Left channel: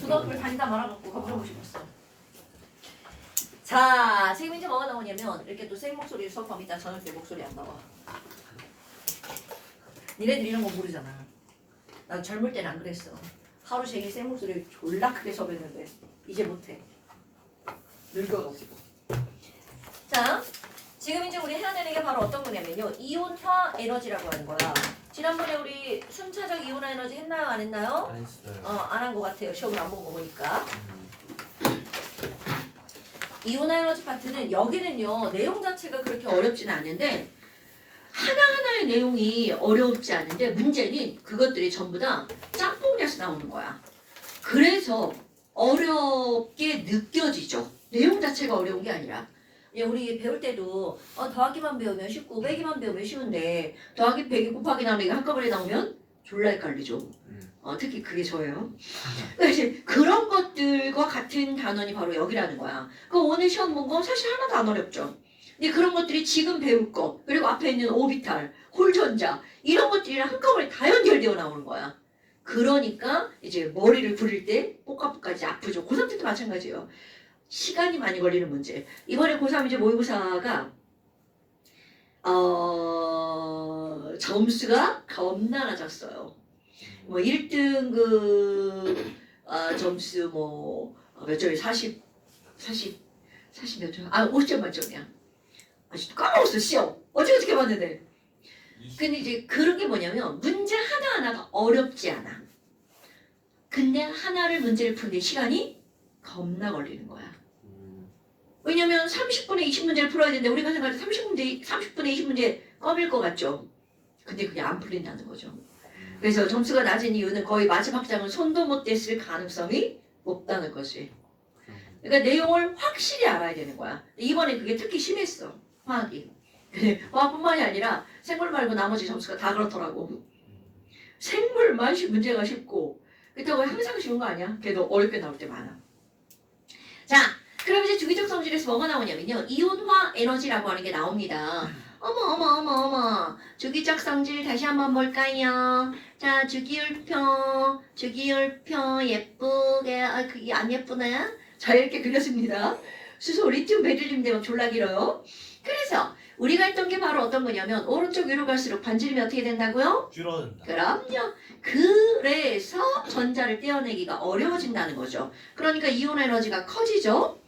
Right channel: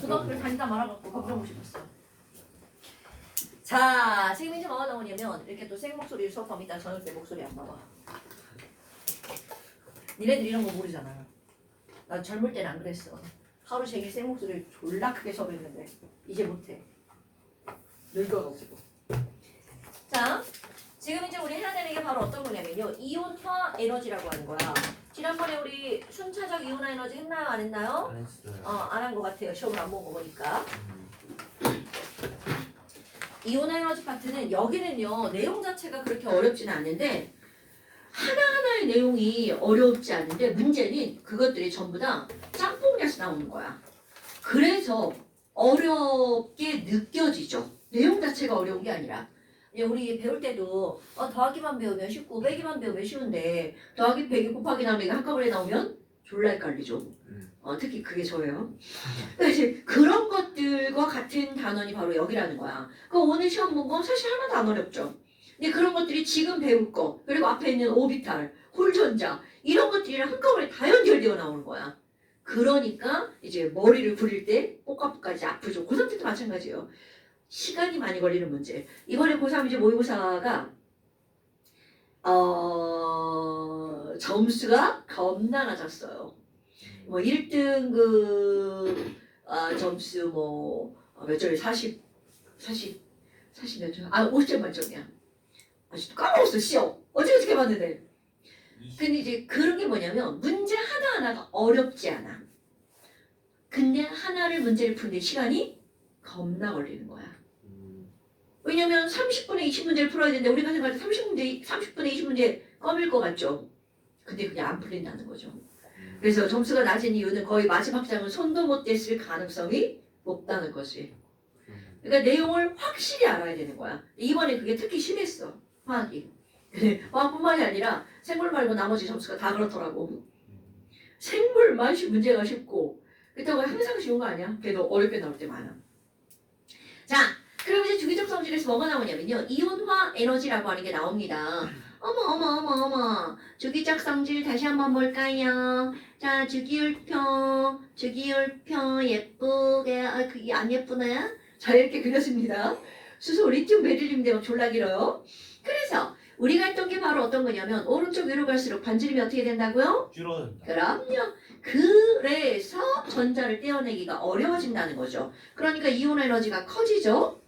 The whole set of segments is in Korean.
고등학교를 다니다 말아갖고 가보고 싶었어. 자, 지금 이제 뭐가 나오냐면 이렇게 또 생 목소리를 수업합니다. 저녁 때 목소리 안 나와. 니네들 이런 거 모르잖아. 나 젊을 때는 안 그랬어. 하루 종일 생 목소리를 졸라 크게 수업했는데 이제 못해. 늙어가지고. 자, 지금 이제 우리 해야 되는 게 바로 어떤 거냐면요. 이온화 에너지라고 하는 거야. 지난번에 우리 순차적 이온화 에너지 했나요? 안 했나요? 안 했어요. 안 한 것 같아요. 시험을 안 보고 보니까. 이온화 에너지 파트는 여기는요. 내용 자체가 그렇게 어렵지는 않은데 하나하나의 내용이 어렵지 않은데 문제는 그것들이 전부 다 짬뽕에서 나오는 거야. 그래서 어렵게 느껴지죠. 내용 자체가 어려운 게 아니라. 우리 배울 때도 더하기만 배우면 쉽고 빼기만 배우면 쉬운데 더하기 빼기 곱하기 나누기 한꺼번에 나오면 졸라 헷갈리죠. 특히 그게 저예요. 그러니까 이제 그런 것들과 같은 단원이 바로 여기라는 거야. 그 오늘 시험 본 건 사실 하나도 안 어렵죠. 근데 그런 것들이 지금 배울 거 그리고 앞에 있는 오비탈, 홀전자 이런 것들이랑 한꺼번에 다 연결되어 나오는 거야. 그러니까 이제 머리를 굴릴 때 뽀까뽀까 이제 아프죠. 고3 때도 마찬가지예요. 시간이 많이 걸리는 문제. 이번에 고3 이제 모의고사가 점수가 겁나 낮았어요. 뭐 1등급 점수 몇 점이 40 몇 점? 50점 만점이야. 아직도 까먹었어 시험. 어떻게 봤는데. 근데 이제 그런 게 뭐냐면 문제 하나하나가 어렵지 않아. 근데 하나를 문제를 푸는데 시간이 겁나 걸리는 거야. 왜냐면 30분에 20문제를 풀어야 되는데 우리가 생각할 때 30분에 20문제 껌일 것 같죠? 근데 그게 안 풀린다는 거죠. 그래서 점수가 낮은 이유는 거의 마지막 장은 손도 못 댔을 가능성이 높다는 것이. 그러니까 내용을 확실히 알아야 되는 거야. 이번에 그게 특히 심했어. 화학이. 화학뿐만이 아니라 생물 말고 나머지 점수가 다 그렇더라고. 생물만 문제가 쉽고 그렇다고 항상 쉬운 거 아니야? 걔도 어렵게 나올 때 많아. 자, 그럼 이제 주기적 성질에서 뭐가 나오냐면요. 이온화 에너지라고 하는 게 나옵니다. 어머. 주기적 성질 다시 한번 볼까요? 자, 주기율표 예쁘게, 그게 안 예쁘나요? 자, 이렇게 그렸습니다. 수소, 리튬, 베릴륨 되면 졸라 길어요. 그래서 우리가 했던 게 바로 어떤 거냐면 오른쪽 위로 갈수록 반지름이 어떻게 된다고요? 줄어든다. 그럼요. 그래서 전자를 떼어내기가 어려워진다는 거죠. 그러니까 이온 에너지가 커지죠.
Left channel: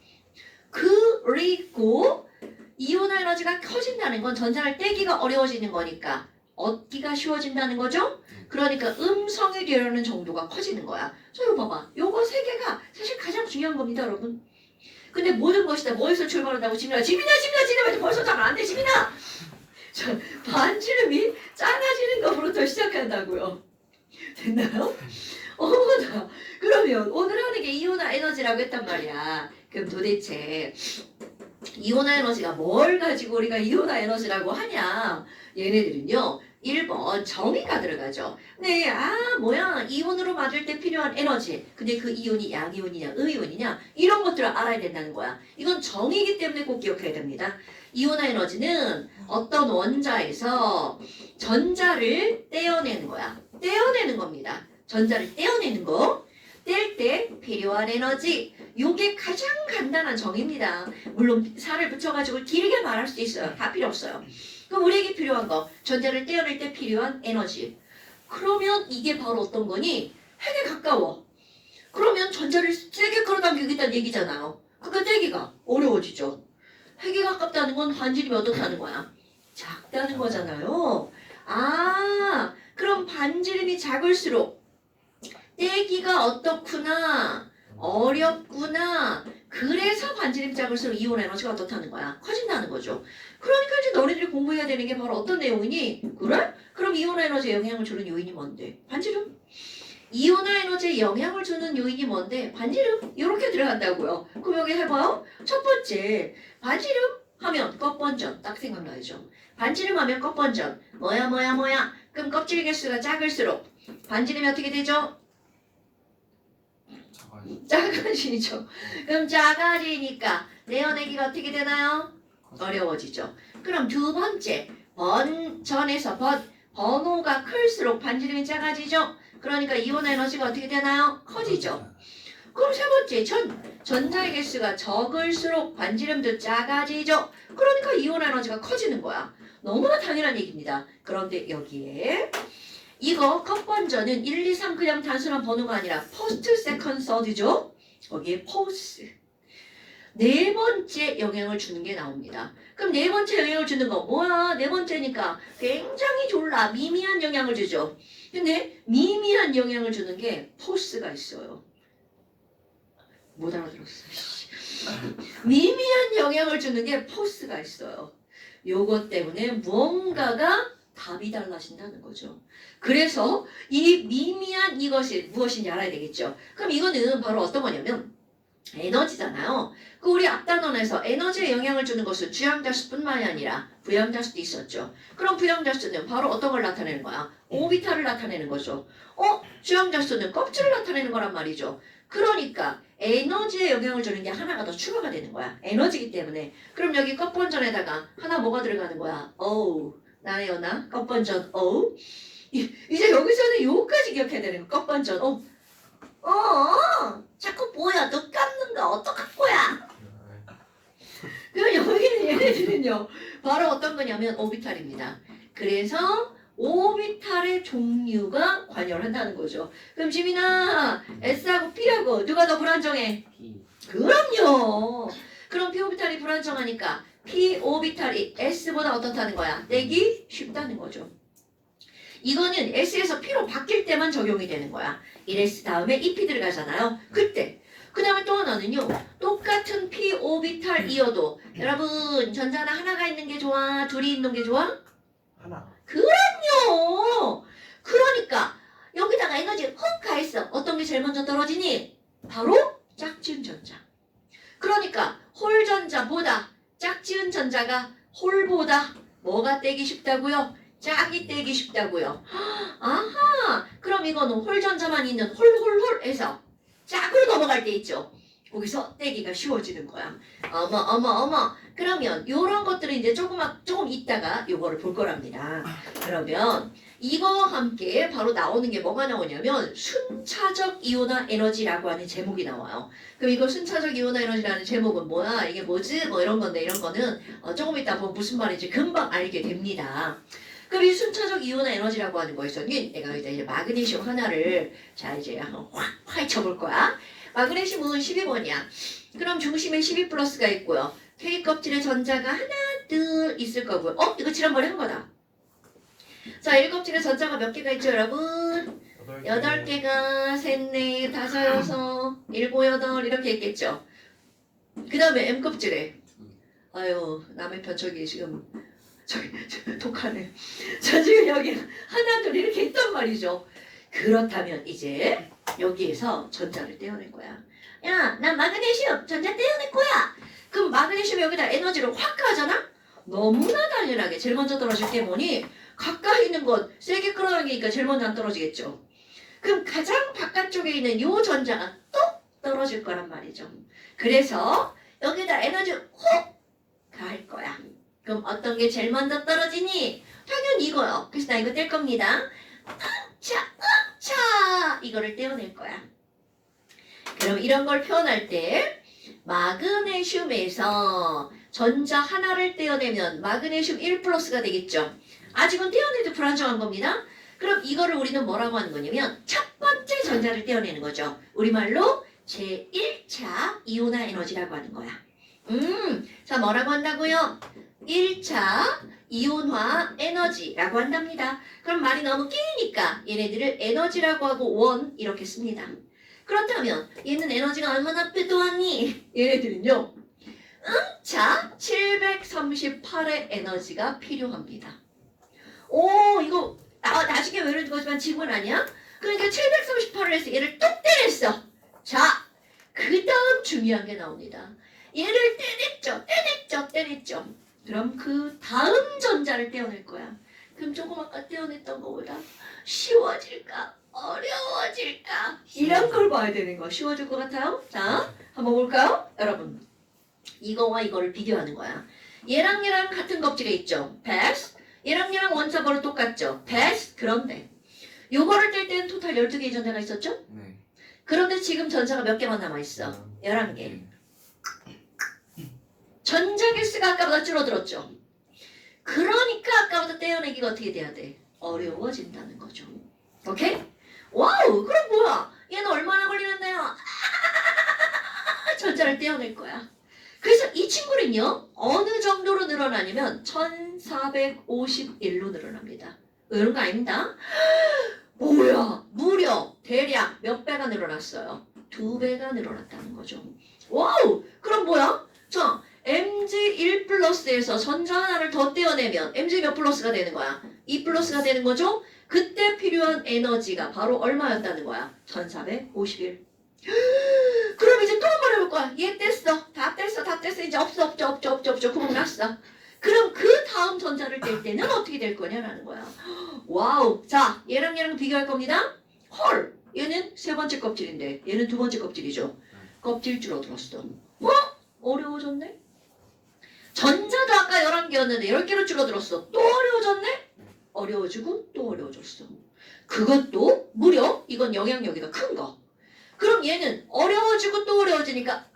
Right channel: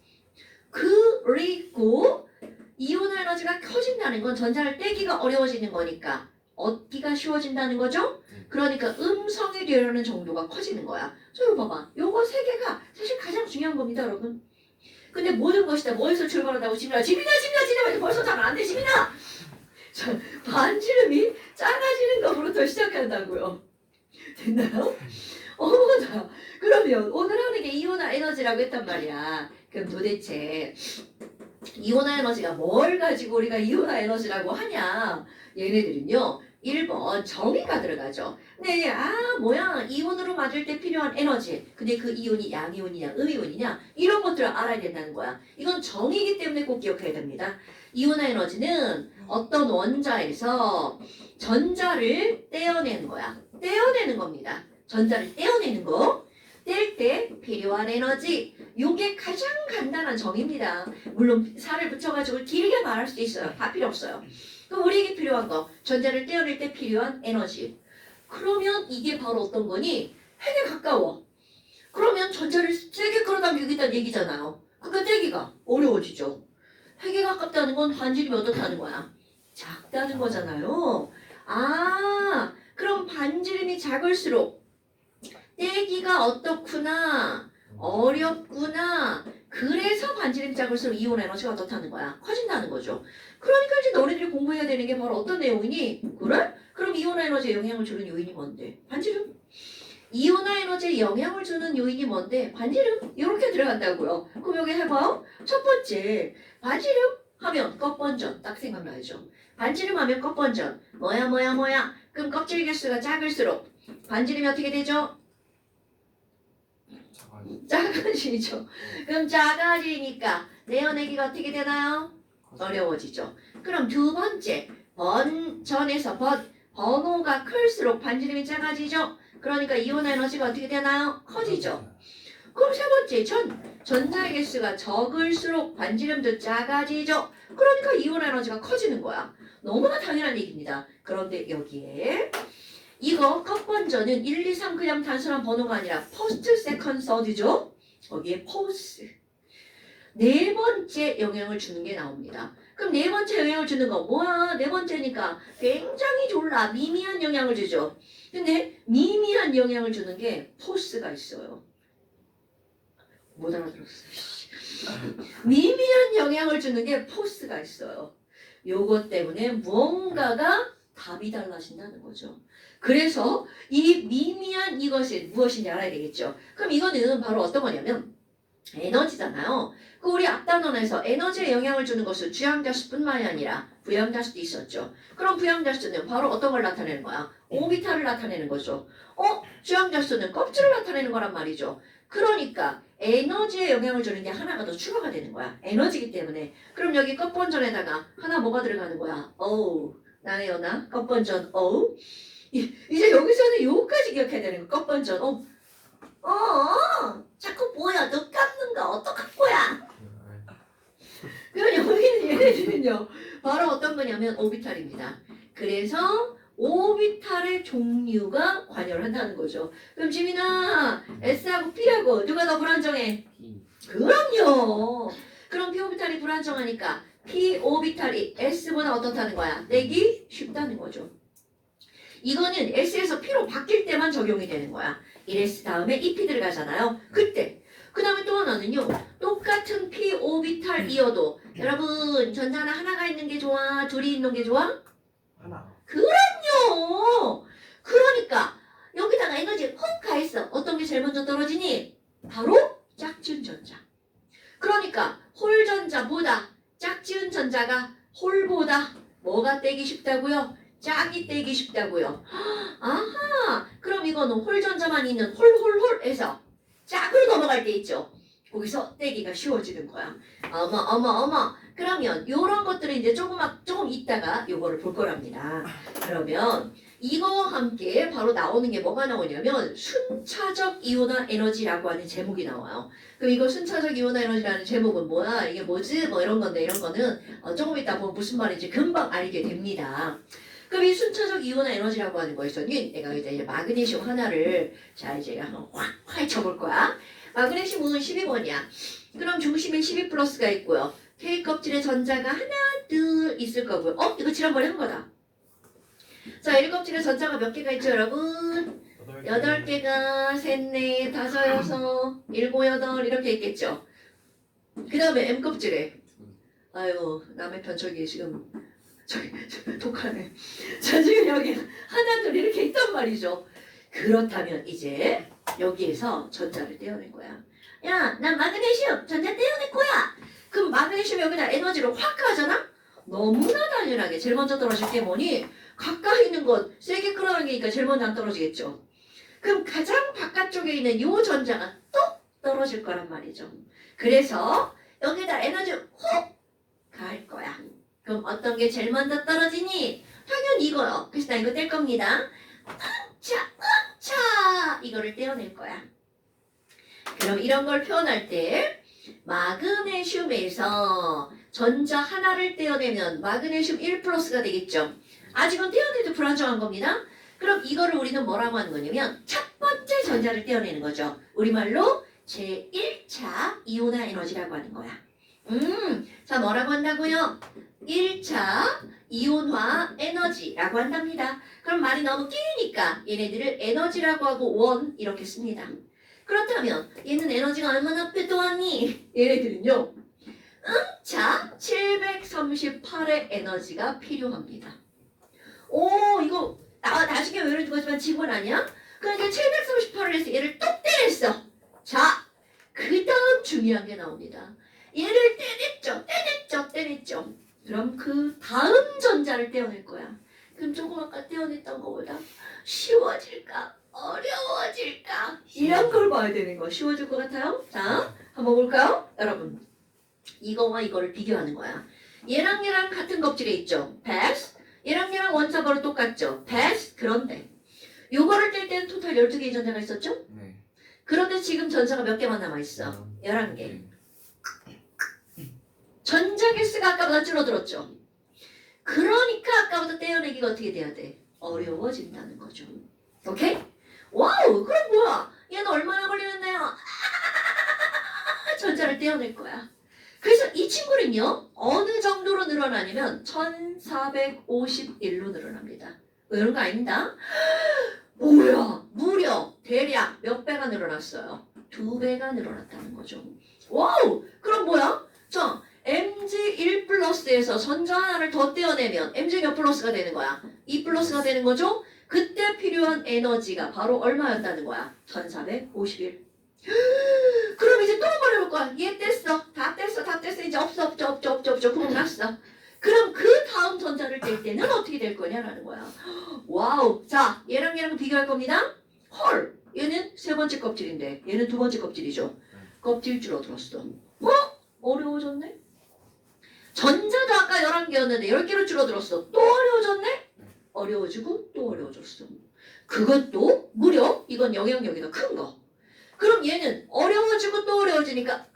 그리고 이온 에너지가 커진다는 건 전자를 떼기가 어려워지는 거니까 얻기가 쉬워진다는 거죠. 그러니까 음성이 되려는 정도가 커지는 거야. 이거 봐봐. 요거 세 개가 사실 가장 중요한 겁니다, 여러분. 근데 모든 것이 다 뭐에서 출발한다고? 지민아 벌써 잘 안 돼, 지민아! 반지름이 작아지는 것부터 시작한다고요. 됐나요? 어머나. 그러면 오늘 하는 게 이온화 에너지라고 했단 말이야. 그럼 도대체 이온화 에너지가 뭘 가지고 우리가 이온화 에너지라고 하냐? 얘네들은요. 1번 정의가 들어가죠. 네, 이온으로 맞을 때 필요한 에너지. 근데 그 이온이 양이온이냐 음이온이냐 이런 것들을 알아야 된다는 거야. 이건 정의이기 때문에 꼭 기억해야 됩니다. 이온화 에너지는 어떤 원자에서 전자를 떼어내는 거야. 떼어내는 겁니다. 전자를 떼어내는 거. 뗄 때 필요한 에너지. 요게 가장 간단한 정의입니다. 물론 살을 붙여가지고 길게 말할 수도 있어요. 다 필요 없어요. 그럼 우리에게 필요한 거. 전자를 떼어낼 때 필요한 에너지. 그러면 이게 바로 어떤 거니? 핵에 가까워. 그러면 전자를 세게 끌어당기겠다는 얘기잖아요. 그러니까 떼기가 어려워지죠. 핵에 가깝다는 건 반지름이 어떻다는 거야? 작다는 거잖아요. 그럼 반지름이 작을수록 떼기가 어떻구나. 어렵구나. 그래서 반지름 작을수록 이온 에너지가 어떻다는 거야? 커진다는 거죠. 그러니까 이제 너네들이 공부해야 되는 게 바로 어떤 내용이니? 그래? 그럼 이온 에너지에 영향을 주는 요인이 뭔데? 반지름. 이온화 에너지에 영향을 주는 요인이 뭔데? 반지름. 이렇게 들어간다고요. 그럼 여기 해봐요. 첫 번째, 반지름 하면 껍번전. 딱 생각나죠. 반지름 하면 껍번전. 뭐야. 그럼 껍질 개수가 작을수록 반지름이 어떻게 되죠? 작아지죠. 그럼 작아지니까 내어내기가 어떻게 되나요? 어려워지죠. 그럼 두 번째, 번호가 클수록 반지름이 작아지죠. 그러니까 이온 에너지가 어떻게 되나요? 커지죠. 그럼 세 번째, 전자의 개수가 적을수록 반지름도 작아지죠. 그러니까 이온 에너지가 커지는 거야. 너무나 당연한 얘기입니다. 그런데 여기에 이거 첫 번째는 1, 2, 3 그냥 단순한 번호가 아니라 퍼스트, 세컨드, 서드죠. 거기에 포스. 네 번째 영향을 주는 게 나옵니다. 그럼 네 번째 영향을 주는 거 뭐야? 네 번째니까 굉장히 졸라 미미한 영향을 주죠. 근데 미미한 영향을 주는 게 포스가 있어요. 못 알아들었어. 미미한 영향을 주는 게 포스가 있어요. 요것 때문에 무언가가 답이 달라진다는 거죠. 그래서 이 미미한 이것이 무엇인지 알아야 되겠죠. 그럼 이거는 바로 어떤 거냐면 에너지잖아요. 그 우리 앞단원에서 에너지에 영향을 주는 것은 주양자수뿐만이 아니라 부양자수도 있었죠. 그럼 부양자수는 바로 어떤 걸 나타내는 거야? 오비탈을 나타내는 거죠. 주양자수는 껍질을 나타내는 거란 말이죠. 그러니까 에너지에 영향을 주는 게 하나가 더 추가가 되는 거야. 에너지이기 때문에. 그럼 여기 껍번전에다가 하나 뭐가 들어가는 거야? 어우, 나의 연아, 껍번전, 어우. 이제 여기서는 요까지 기억해야 되는 거. 껍번전, 자꾸 뭐야? 너 깎는가? 어떡할 거야? 그럼 여기는 얘네들은요. 바로 어떤 거냐면 오비탈입니다. 그래서 오비탈의 종류가 관여를 한다는 거죠. 그럼 지민아, S하고 P하고 누가 더 불안정해? 그럼요. 그럼 P 오비탈이 불안정하니까 P 오비탈이 S보다 어떻다는 거야? 떼기 쉽다는 거죠. 이거는 S에서 P로 바뀔 때만 적용이 되는 거야. 1S 다음에 EP 들어가잖아요. 그때. 그 다음에 또 하나는요. 똑같은 P 오비탈이어도 여러분 전자는 하나가 있는 게 좋아? 둘이 있는 게 좋아? 하나. 그럼요. 그러니까 여기다가 에너지 훅 가있어. 어떤 게 제일 먼저 떨어지니? 바로 짝지은 전자. 그러니까 홀 전자보다 짝지은 전자가 홀보다 뭐가 떼기 쉽다고요? 짝이 떼기 쉽다고요. 아하. 그럼 이거는 홀 전자만 있는 홀홀홀에서 짝으로 넘어갈 때 있죠. 거기서 떼기가 쉬워지는 거야. 어머. 그러면 요런 것들을 이제 조금 있다가 요거를 볼 거랍니다. 그러면 이거와 함께 바로 나오는 게 뭐가 나오냐면 순차적 이온화 에너지라고 하는 제목이 나와요. 그럼 이거 순차적 이온화 에너지라는 제목은 뭐야? 이게 뭐지? 뭐 이런 건데 이런 거는 조금 이따 보면 무슨 말인지 금방 알게 됩니다. 그럼 이 순차적 이온화 에너지라고 하는 거에서는 내가 이제 마그네슘 하나를 자 이제 한번 확 파헤쳐볼 거야. 마그네슘은 12번이야. 그럼 중심에 12 플러스가 있고요. K 껍질에 전자가 하나 둘 있을 거고요. 이거 지난번에 한 거다. 자, L 껍질에 전자가 몇 개가 있죠, 여러분? 8개가 셋, 넷, 다섯, 여섯, 일곱, 여덟 이렇게 있겠죠. 그 다음에 M 껍질에 아유 남의 편 저기 지금 저기 독하네. 자 지금 여기 하나 둘 이렇게 있단 말이죠. 그렇다면 이제 여기에서 전자를 떼어낼 거야. 야, 나 마그네슘 전자 떼어낼 거야. 그럼 마그네슘 여기다 에너지를 확 가잖아? 너무나 당연하게 제일 먼저 떨어질 게 뭐니? 가까이 있는 것 세게 끌어당기니까 제일 먼저 안 떨어지겠죠. 그럼 가장 바깥쪽에 있는 요 전자가 또 떨어질 거란 말이죠. 그래서 여기다 에너지 훅 갈 거야. 그럼 어떤 게 제일 먼저 떨어지니? 당연히 이거요. 그래서 나 이거 뗄 겁니다. 자, 이거를 떼어낼 거야. 그럼 이런 걸 표현할 때 마그네슘에서 전자 하나를 떼어내면 마그네슘 1 플러스가 되겠죠. 아직은 떼어내도 불안정한 겁니다. 그럼 이거를 우리는 뭐라고 하는 거냐면 첫 번째 전자를 떼어내는 거죠. 우리말로 제1차 이온화 에너지라고 하는 거야. 자 뭐라고 한다고요? 1차 이온화 에너지라고 한답니다. 그럼 말이 너무 끼니까 얘네들을 에너지라고 하고 원 이렇게 씁니다. 그렇다면 얘는 에너지가 얼마나 빼도하니? 얘네들은요. 자 738의 에너지가 필요합니다. 오 이거 나중에 외울 거지만 지문 아니야? 그러니까 738을 해서 얘를 또 떼냈어. 자 그 다음 중요한 게 나옵니다. 얘를 떼냈죠. 그럼 그 다음 전자를 떼어낼 거야. 그럼 조금 아까 떼어냈던 것보다 쉬워질까? 어려워질까? 이런 걸 봐야 되는 거야. 쉬워질 것 같아요? 자, 한번 볼까요? 여러분, 이거와 이거를 비교하는 거야. 얘랑 같은 껍질에 있죠? 패스. 얘랑 원자번호 똑같죠? 패스. 그런데 요거를 뗄 때는 토탈 12개의 전자가 있었죠? 네. 그런데 지금 전자가 몇 개만 남아있어? 11개. 전자 개수가 아까보다 줄어들었죠? 그러니까 아까보다 떼어내기가 어떻게 돼야 돼? 어려워진다는 거죠. 오케이? 와우! 그럼 뭐야? 얘는 얼마나 걸리는데요? 전자를 떼어낼 거야. 그래서 이 친구는요, 어느 정도로 늘어나냐면 1451로 늘어납니다. 이런 거 아닙니다. 뭐야? 무려 대략 몇 배가 늘어났어요? 2배가 늘어났다는 거죠. 와우! 그럼 뭐야? 자, mg1 플러스에서 전자 하나를 더 떼어내면 mg 몇 플러스가 되는 거야? 2 플러스가 되는 거죠? 그때 필요한 에너지가 바로 얼마였다는 거야? 1451. 그럼 이제 또 한 번 해볼 거야. 얘 뗐어. 다 뗐어. 이제 없어. 구멍 났어. 그럼 그 다음 전자를 뗄 때는 어떻게 될 거냐라는 거야. 와우. 자, 얘랑 비교할 겁니다. 헐. 얘는 세 번째 껍질인데 얘는 두 번째 껍질이죠. 껍질 줄어들었어. 뭐? 어려워졌네? 전자도 아까 11개였는데 10개로 줄어들었어. 또 어려워졌네? 어려워지고 또 어려워졌어. 그것도 무려 이건 영향력이가 큰 거. 그럼 얘는 어려워지고 또 어려워지니까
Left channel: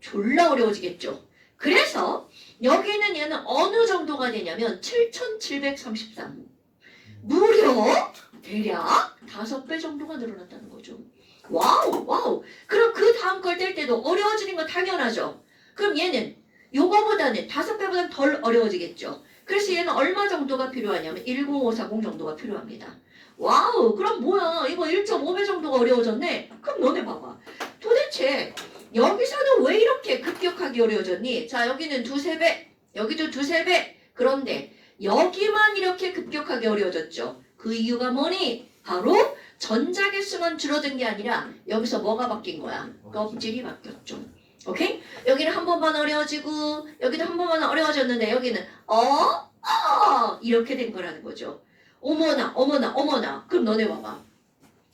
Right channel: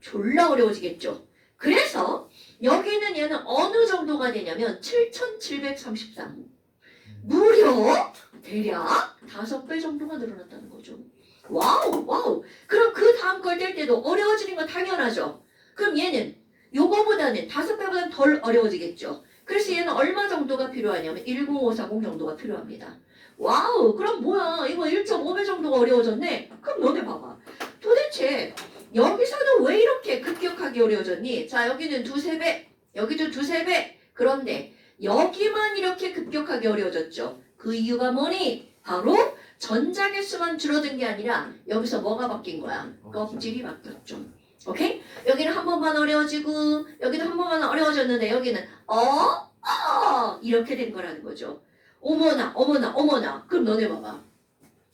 졸라 어려워지겠죠. 그래서 여기는 얘는 어느 정도가 되냐면 7733. 무려 대략 5배 정도가 늘어났다는 거죠. 와우. 그럼 그 다음 걸 뗄 때도 어려워지는 건 당연하죠. 그럼 얘는 요거보다는 5배보다는 덜 어려워지겠죠. 그래서 얘는 얼마 정도가 필요하냐면 10540 정도가 필요합니다. 와우, 그럼 뭐야? 이거 1.5배 정도가 어려워졌네? 그럼 너네 봐봐. 도대체 여기서는 왜 이렇게 급격하게 어려워졌니? 자, 여기는 2~3배, 여기도 2~3배. 그런데 여기만 이렇게 급격하게 어려워졌죠. 그 이유가 뭐니? 바로 전자 개수만 줄어든 게 아니라 여기서 뭐가 바뀐 거야? 껍질이 바뀌었죠. 오케이? 여기는 한 번만 어려워지고 여기도 한 번만 어려워졌는데 여기는 이렇게 된 거라는 거죠. 어머나. 그럼 너네 봐봐.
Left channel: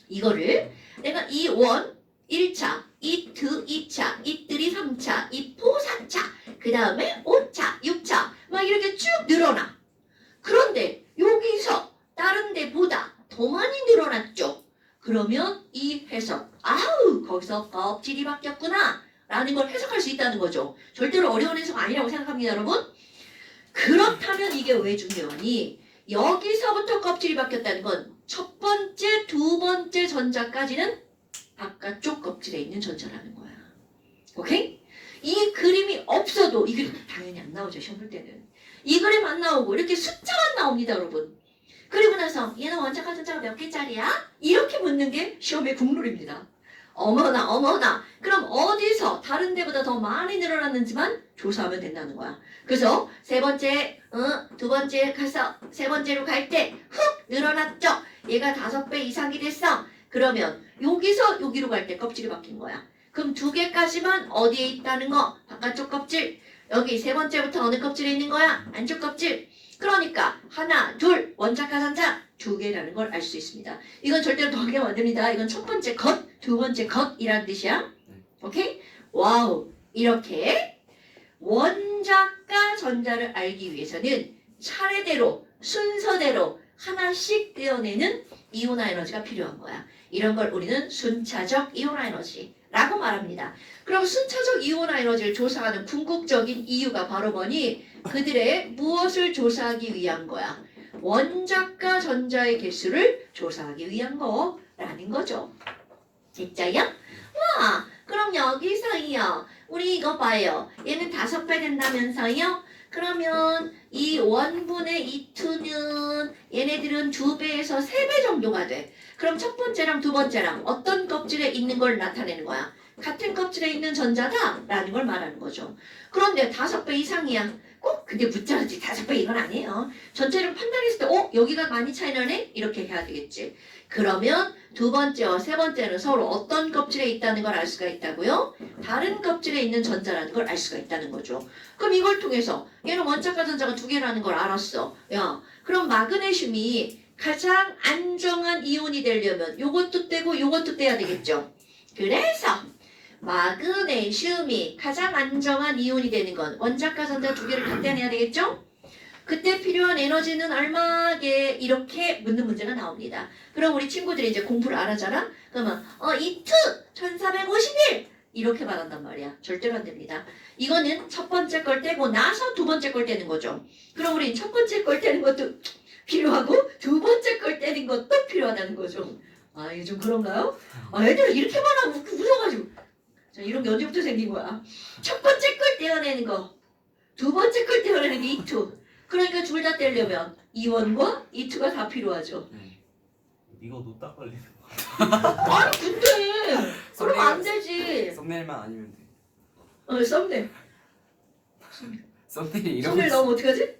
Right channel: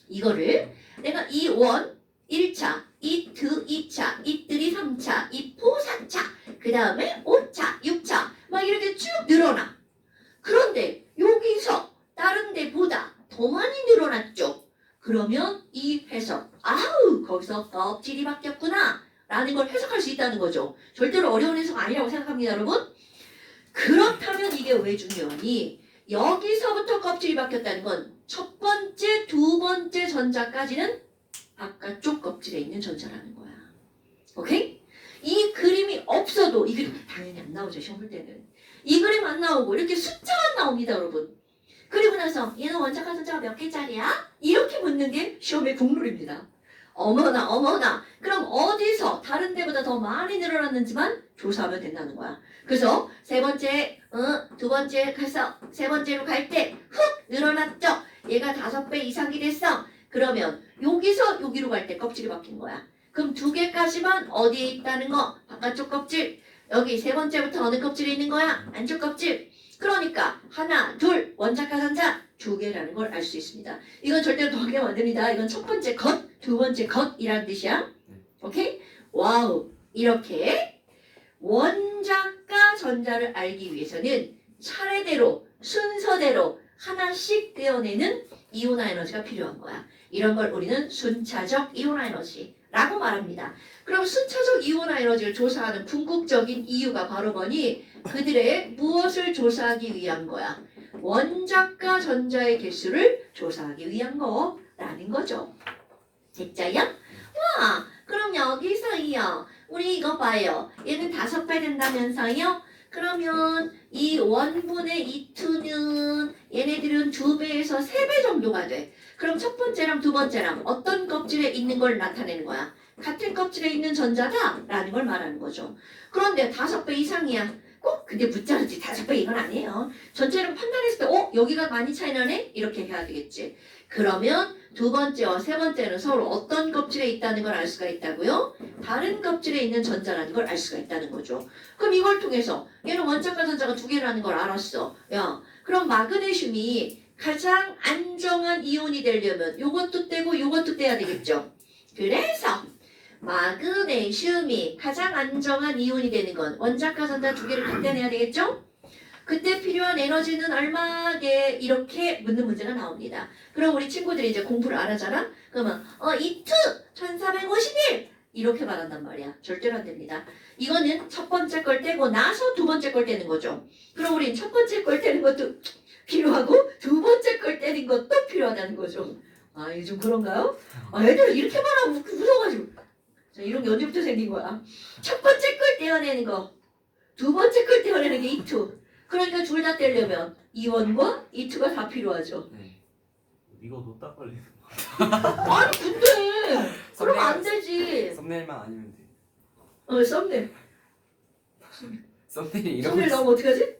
이거를 내가 이1 1차, 이2 2차, 이3 3차, 이4 4차, 그 다음에 5차, 6차 막 이렇게 쭉 늘어나. 그런데 여기서 다른 데보다 더 많이 늘어났죠. 그러면 이 해석, 거기서 껍질이 바뀌었구나 라는 걸 해석할 수 있다는 거죠. 절대로 어려운 해석 아니라고 생각합니다, 여러분. 그렇다면 이게 왜 중요하니? 여기서부터 껍질이 바뀌었다는 건 첫 번째, 두 번째 전자까지는 바깥쪽 껍질에 있는 전자라는 거야. 오케이? 이 그림이 없어도 이 그림 당연히 안 나오죠, 시험 볼 때는. 이 그림 안 나오고 이렇게 숫자만 나옵니다, 여러분. 그리고 나서 얘는 원자가 전자가 몇 개짜리야? 이렇게 묻는 게 시험의 국룰입니다. 어머나. 그럼 어디서 다른 데보다 더 많이 늘어났는지만 조사하면 된다는 거야. 그래서 세 번째, 두 번째 가서 세 번째로 갈 때 훅 늘어났죠? 얘가 5배 이상이 됐어. 그러면 여기서 여기로 갈 때 껍질이 바뀐 거야. 그럼 2개까지만 어디에 있다는 거? 바깥쪽 껍질. 여기 세 번째부터 어느 껍질에 있는 거야? 안쪽 껍질. 그러니까 하나, 둘, 원자가 전자 2개라는 걸 알 수 있습니다. 이건 절대로 더하면 안 됩니다. 이건 첫 번째 것, 두 번째 것이라는 뜻이야. 오케이? 와우. 이렇게 원자과 전자를 알기 위해서는 차례대로 순서대로 하나씩 떼어내는 이온화 에너지가 필요한 거야. 이런 걸 우리는 순차적 이온화 에너지라고 말합니다. 그럼 순차적 이온화 에너지를 조사하는 궁극적인 이유가 바로 뭐니? 그들의 무엇을 조사하기 위한 거야? 원자과 전자의 개수를 조사하기 위한 거라는 거죠. 됐자요? 와, 그럼 여기서요. 우리 이거 봐요. 얘는 5배 된다면서요? 그러면 이 원분의 E2는 얘네들은 2배에서 3배 정도가 돼. 그럼 첫 번째랑 두 번째랑 어떤 껍질에 있는 걸 나타내는 거야? 같은 껍질에 있는 전자다 라는 걸 말하는 거죠. 그런데 5배 이상이야. 꼭 근데 붙잡았지. 5배 이건 아니에요. 전체를 판단했을 때 여기가 많이 차이 나네? 이렇게 해야 되겠지. 그러면 두 번째와 세 번째는 서로 어떤 껍질에 있다는 걸 알 수가 있다고요? 다른 껍질에 있는 전자라는 걸 알 수가 있다는 거죠. 그럼 이걸 통해서 얘는 원자과 전자가 2개라는 걸 알았어. 야, 그럼 마그네슘이 가장 안정한 이온이 되려면 요것도 떼고 요것도 떼야 되겠죠. 그래서 마그네슘이 가장 안정한 이온이 되는 건 원자과 전자 2개를 갖다 내야 되겠죠? 그때 필요한 에너지는 얼마게 이렇게 묻는 문제가 나옵니다. 그럼 우리 친구들이 이제 공부를 안 하잖아? 그러면 E2 1451 이렇게 말한단 말이야. 절대로 안 됩니다. 이거는 첫 번째 걸 떼고 나서 두 번째 걸 떼는 거죠. 그럼 우린 첫 번째 걸 떼는 것도 필요하고 두 번째 걸 떼는 것도 필요하다는 거죠. 아, 이게 좀 그런가요? 애들은 이렇게 말하면 웃어가지고. 자, 이런 게 언제부터 생긴 거야? 첫 번째 걸 떼어내는 거, 두 번째 걸 떼어내는 게 E2. 그러니까 둘 다 떼려면 E1과 E2가 다 필요하죠. 이거 노딱 걸리는 아니 근데 그러면 안 되지. 썸네일만 아니면 돼. 썸네일. 썸네일 이런 썸네일 거 나오면 어떡하지?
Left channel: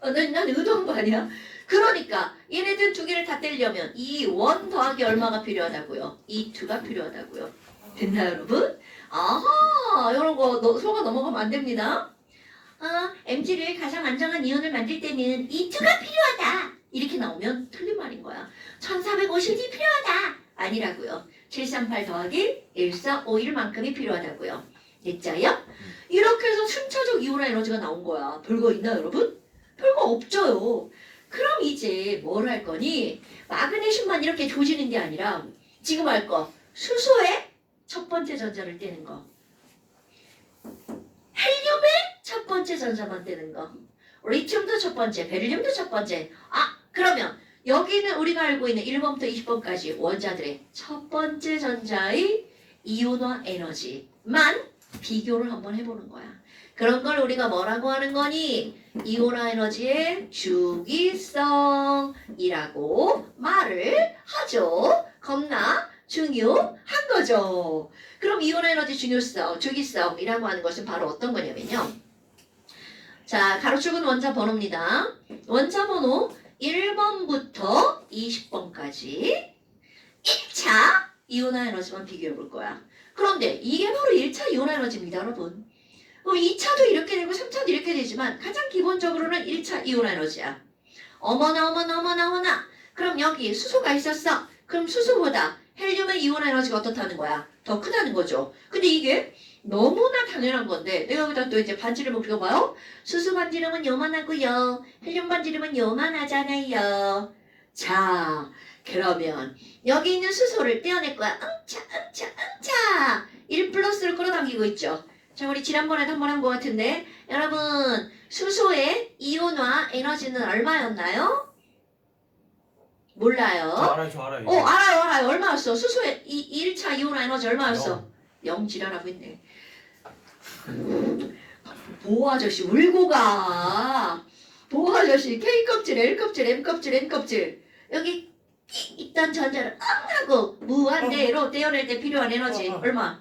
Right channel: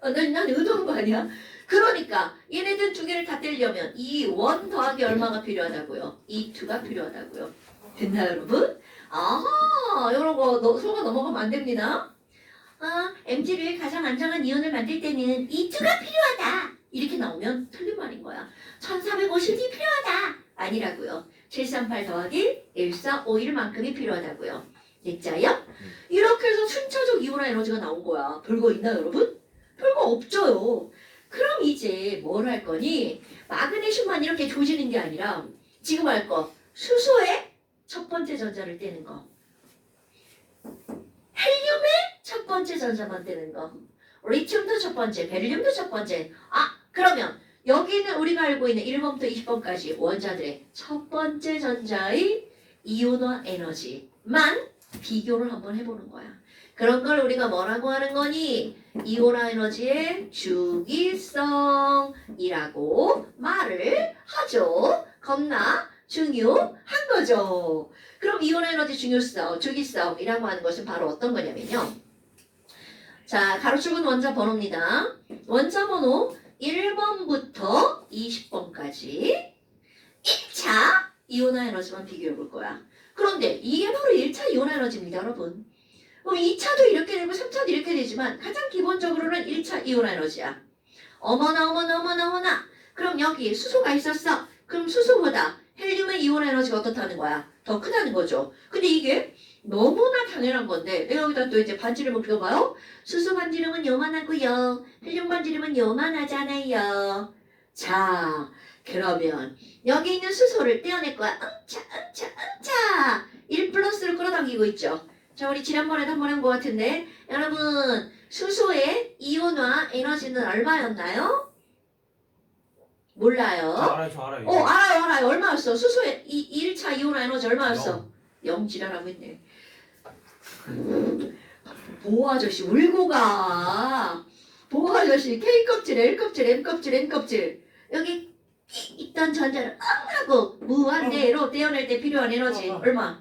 난 의도한 거 아니야? 그러니까 얘네들 두 개를 다 떼려면 E1 더하기 얼마가 필요하다고요? E2가 필요하다고요. 됐나요 여러분? 아하, 이런 거 속아 넘어가면 안 됩니다. MG를 가장 안정한 이온을 만들 때는 E2가 필요하다. 이렇게 나오면 틀린 말인 거야. 1450이 필요하다. 아니라고요. 738 더하기 1451만큼이 필요하다고요. 됐자요? 이렇게 해서 순차적 이온화 에너지가 나온 거야. 별거 있나요 여러분? 별거 없죠요. 그럼 이제 뭘 할 거니? 마그네슘만 이렇게 조지는 게 아니라 지금 할 거. 수소의 첫 번째 전자를 떼는 거. 헬륨의 첫 번째 전자만 떼는 거. 리튬도 첫 번째, 베릴륨도 첫 번째. 그러면 여기는 우리가 알고 있는 1번부터 20번까지 원자들의 첫 번째 전자의 이온화 에너지만 비교를 한번 해보는 거야. 그런 걸 우리가 뭐라고 하는 거니? 이온화 에너지의 주기성이라고 말을 하죠. 겁나 중요한 거죠. 그럼 이온화 에너지 중요성, 주기성이라고 하는 것은 바로 어떤 거냐면요. 자, 가로축은 원자 번호입니다. 원자 번호 1번부터 20번까지 1차 이온화 에너지만 비교해 볼 거야. 그런데 이게 바로 1차 이온화 에너지입니다, 여러분. 그럼 2차도 이렇게 되고 3차도 이렇게 되지만 가장 기본적으로는 1차 이온화 에너지야. 어머나. 그럼 여기 수소가 있었어. 그럼 수소보다 헬륨의 이온화 에너지가 어떻다는 거야? 더 크다는 거죠. 근데 이게 너무나 당연한 건데 내가 여기다 또 이제 반지름을 그려봐요. 수소 반지름은 요만하고요. 헬륨 반지름은 요만하잖아요. 자, 그러면 여기 있는 수소를 떼어낼 거야. 응차 1 플러스를 끌어당기고 있죠. 자, 우리 지난번에도 한번 한 것 같은데 여러분 수소의 이온화 에너지는 얼마였나요? 몰라요. 저 알아요. 알아요. 얼마였어? 수소의 1차 이온화 에너지 얼마였어? 0 지랄하고 있네. 보호 아저씨 울고 가. 보호 아저씨 K 껍질, L 껍질, M 껍질, N 껍질. 여기 있던 전자를 하고 무한대로 떼어낼 때 필요한 에너지 얼마?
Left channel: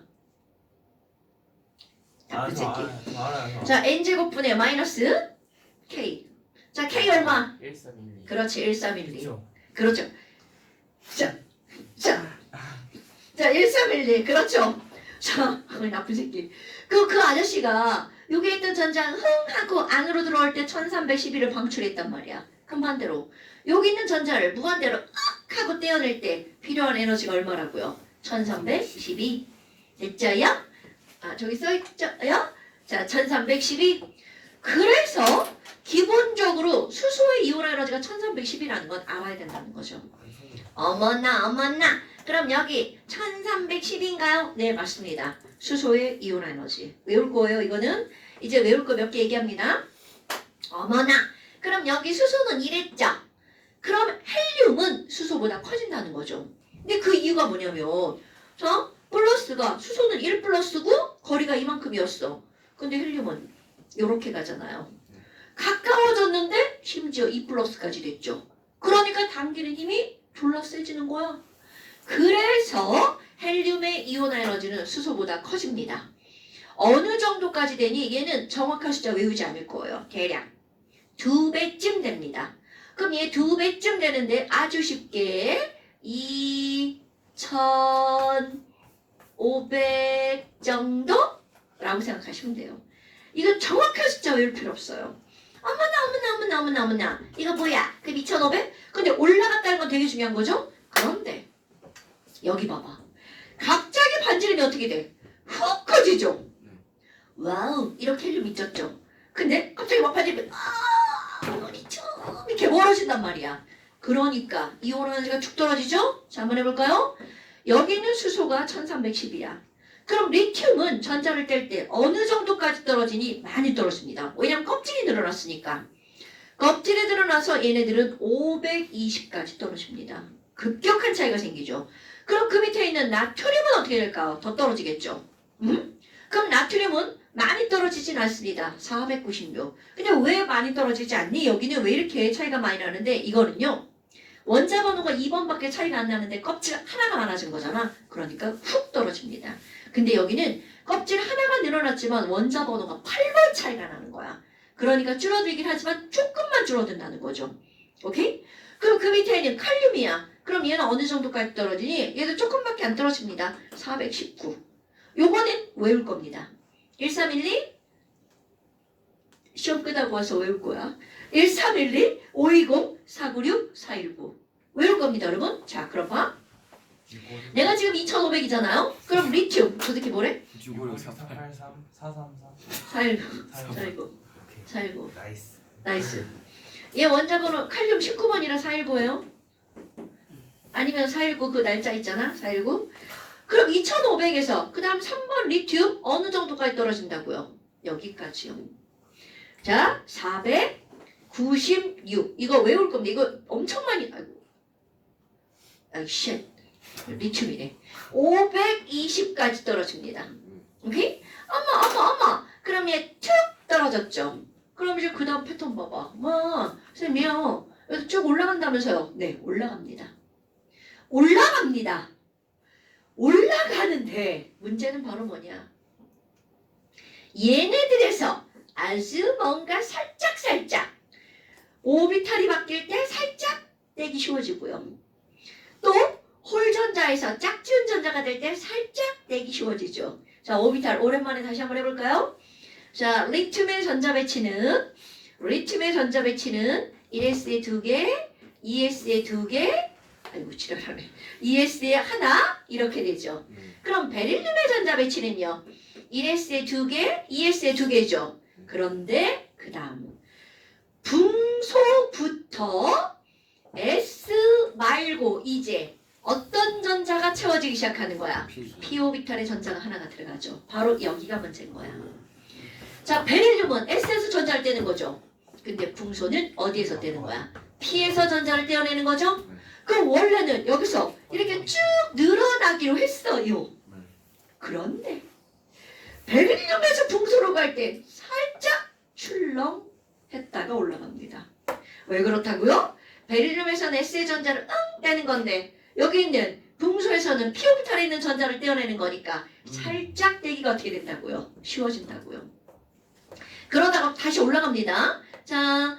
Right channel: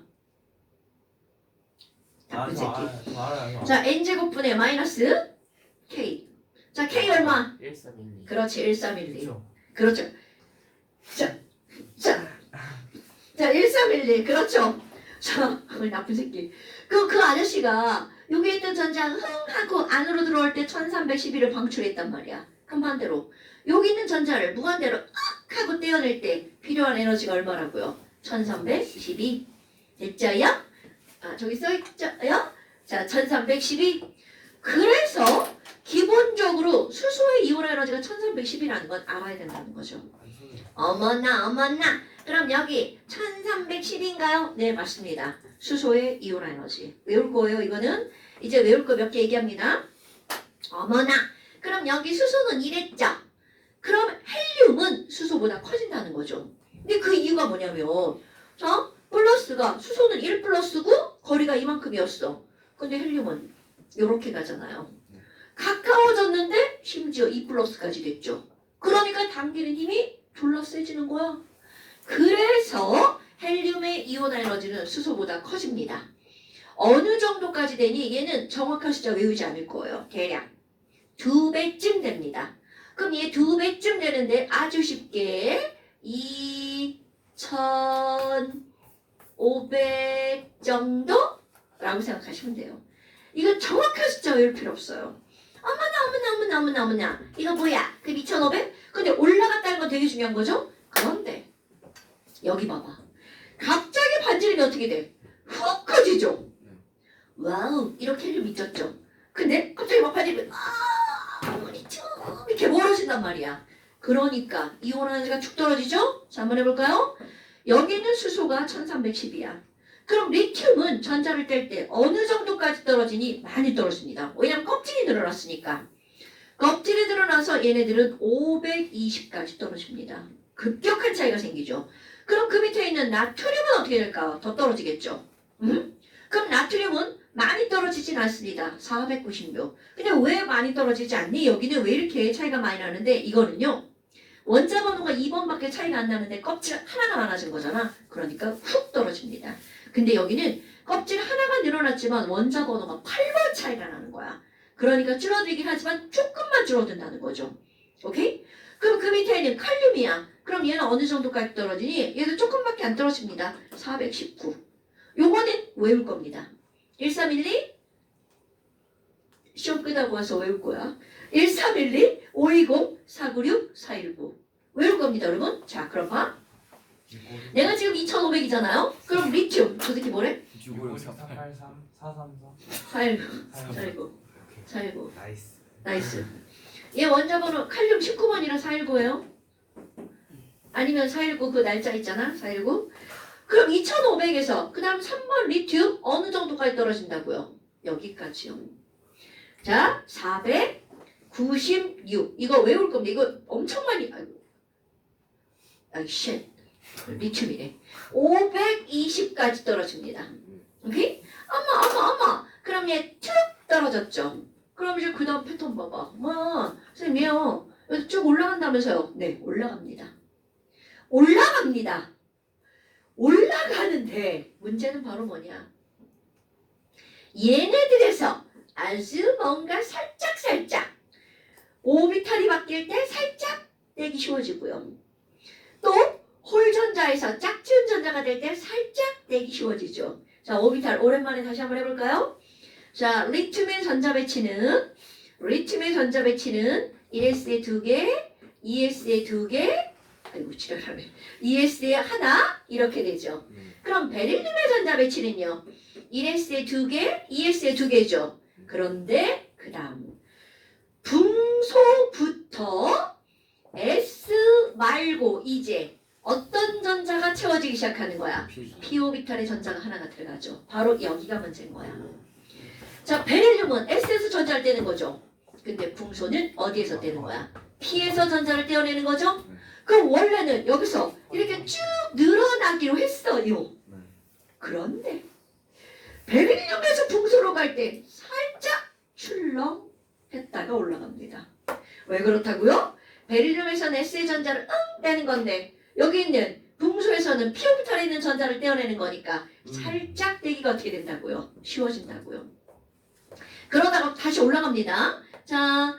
저 알아요. 자, N제곱분의 마이너스 K. 자, K 얼마? 1312. 그렇지, 1312. 그렇죠. 그렇죠. 자, 1312. 그렇죠. 자, 나쁜 새끼. 그 아저씨가 여기 있던 전자 흥 하고 안으로 들어올 때 1312를 방출했단 말이야. 그럼 반대로 여기 있는 전자를 무한대로 악 하고 떼어낼 때 필요한 에너지가 얼마라고요? 1312. 됐죠요? 저기 써있죠요? 자, 1312. 그래서 기본적으로 수소의 이온화 에너지가 1310이라는 건 알아야 된다는 거죠. 어머나. 그럼 여기 1310인가요? 네, 맞습니다. 수소의 이온화 에너지. 외울 거예요, 이거는. 이제 외울 거 몇 개 얘기합니다. 어머나. 그럼 여기 수소는 이랬죠. 그럼 헬륨은 수소보다 커진다는 거죠. 근데 그 이유가 뭐냐면 자, 플러스가 수소는 1 플러스고 거리가 이만큼이었어. 근데 헬륨은 이렇게 가잖아요. 가까워졌는데 심지어 2 플러스까지 됐죠. 그러니까 당기는 힘이 졸라 세지는 거야. 그래서 헬륨의 이온화 에너지는 수소보다 커집니다. 어느 정도까지 되니 얘는 정확한 숫자 외우지 않을 거예요. 대략 2배쯤 됩니다. 그럼 얘 2배쯤 되는데 아주 쉽게 2500 정도라고 생각하시면 돼요. 이거 정확한 숫자 외울 필요 없어요. 어머나. 이거 뭐야? 그 2500? 근데 올라갔다는 건 되게 중요한 거죠? 그런데 여기 봐봐. 갑자기 반지름이 어떻게 돼? 훅 커지죠? 와우, 이렇게 헬륨 있었죠? 근데 갑자기 막판에 리튬 이렇게 멀어진단 말이야. 그러니까 이온 에너지가 쭉 떨어지죠? 자, 한번 해볼까요? 여기 있는 수소가 1310이야. 그럼 리튬은 전자를 뗄 때 어느 정도까지 떨어지니? 많이 떨어집니다. 왜냐면 껍질이 늘어났으니까. 껍질이 늘어나서 얘네들은 520까지 떨어집니다. 급격한 차이가 생기죠. 그럼 그 밑에 있는 나트륨은 어떻게 될까? 더 떨어지겠죠. 그럼 나트륨은 많이 떨어지진 않습니다. 496. 근데 왜 많이 떨어지지 않니? 여기는 왜 이렇게 차이가 많이 나는데 이거는요. 원자 번호가 2번밖에 차이가 안 나는데 껍질 하나가 많아진 거잖아. 그러니까 훅 떨어집니다. 근데 여기는 껍질 하나가 늘어났지만 원자 번호가 8번 차이가 나는 거야. 그러니까 줄어들긴 하지만 조금만 줄어든다는 거죠. 오케이? 그럼 그 밑에는 칼륨이야. 그럼 얘는 어느 정도까지 떨어지니? 얘도 조금밖에 안 떨어집니다. 419. 요거는 외울 겁니다. 1312 시험 끝나고 와서 외울 거야. 1312 520 496 419 외울 겁니다, 여러분. 자, 그럼 봐. 내가 지금 2500이잖아요. 그럼 리튬 어떻게 뭐래? 656 483 433 419 419 419 나이스. 나이스. 얘 원자 번호 칼륨 19번이라 419예요. 아니면 419 그 날짜 있잖아. 419. 그럼 2500에서 그 다음 3번 리튬 어느 정도까지 떨어진다고요? 여기까지요. 자, 496. 이거 외울 겁니다. 이거 엄청 많이. 쉣. 리튬이네. 520까지 떨어집니다. 오케이? 어머. 그럼 얘 툭 떨어졌죠. 그럼 이제 그 다음 패턴 봐봐. 선생님이요. 여기 쭉 올라간다면서요? 네, 올라갑니다. 올라가는데 문제는 바로 뭐냐? 얘네들에서 아주 뭔가 살짝 오비탈이 바뀔 때 살짝 떼기 쉬워지고요. 또 홀전자에서 짝지은 전자가 될 때 살짝 떼기 쉬워지죠. 자, 오비탈 오랜만에 다시 한번 해볼까요? 자, 리튬의 전자 배치는 1s에 2개, 2s에 2개, 아이고 지랄하네. 2s에 하나 이렇게 되죠. 그럼 베릴륨의 전자 배치는요. 1s에 2개, 2s에 2개죠. 그런데 그 다음 붕소부터 S 말고 이제 어떤 전자가 채워지기 시작하는 거야? p-오비탈의 전자가 하나가 들어가죠. 바로 여기가 문제인 거야. 자, 베릴륨은 S에서 전자를 떼는 거죠. 근데 붕소는 어디에서 떼는 거야? P에서 전자를 떼어내는 거죠. 그럼 원래는 여기서 이렇게 쭉 늘어나기로 했어요. 그런데 베릴륨에서 붕소로 갈 때 살짝 출렁 했다가 올라갑니다. 왜 그렇다고요? 베릴륨에서는 S의 전자를 떼는 건데 여기 있는 붕소에서는 P-오비탈에 있는 전자를 떼어내는 거니까 살짝 떼기가 어떻게 된다고요? 쉬워진다고요. 그러다가 다시 올라갑니다. 자,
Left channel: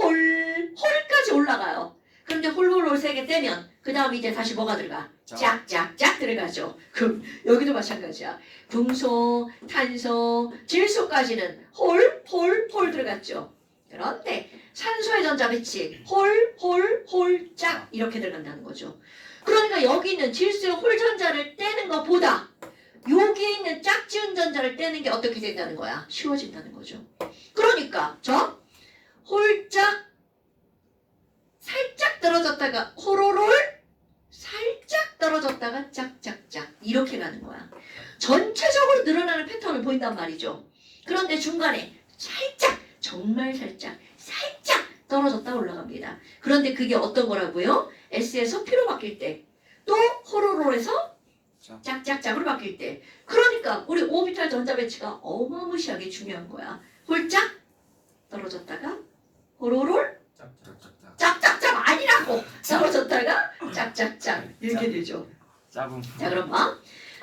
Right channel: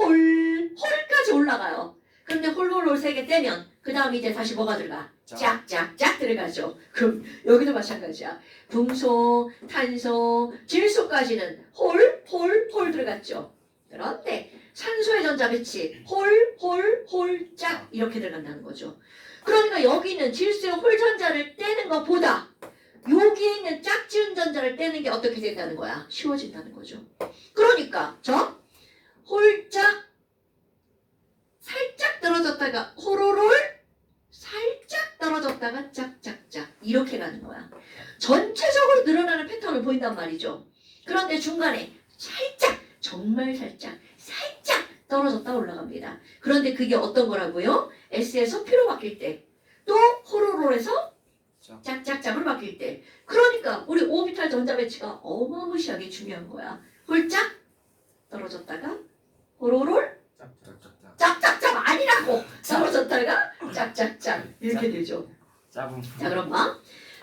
홀까지 올라가요. 그런데 홀 세 개 떼면 그 다음 이제 다시 뭐가 들어가? 짝짝짝 들어가죠. 그럼 여기도 마찬가지야. 붕소, 탄소, 질소까지는 홀 들어갔죠. 그런데 산소의 전자 배치 홀, 짝 이렇게 들어간다는 거죠. 그러니까 여기는 질소의 홀 전자를 떼는 것보다 여기에 있는 짝지은 전자를 떼는 게 어떻게 된다는 거야? 쉬워진다는 거죠. 그러니까 저 홀짝 살짝 떨어졌다가 호로롤 살짝 떨어졌다가 짝짝짝 이렇게 가는 거야. 전체적으로 늘어나는 패턴을 보인단 말이죠. 그런데 중간에 살짝 정말 살짝 떨어졌다 올라갑니다. 그런데 그게 어떤 거라고요? S에서 P로 바뀔 때 또 호로롤에서 짝짝짝으로 바뀔 때 그러니까 우리 오비탈 전자 배치가 어마무시하게 중요한 거야. 홀짝 떨어졌다가 호로롤 짝짝짝 아니라고 떨어졌다가 짝짝짝 이렇게 되죠. 자 그럼 봐.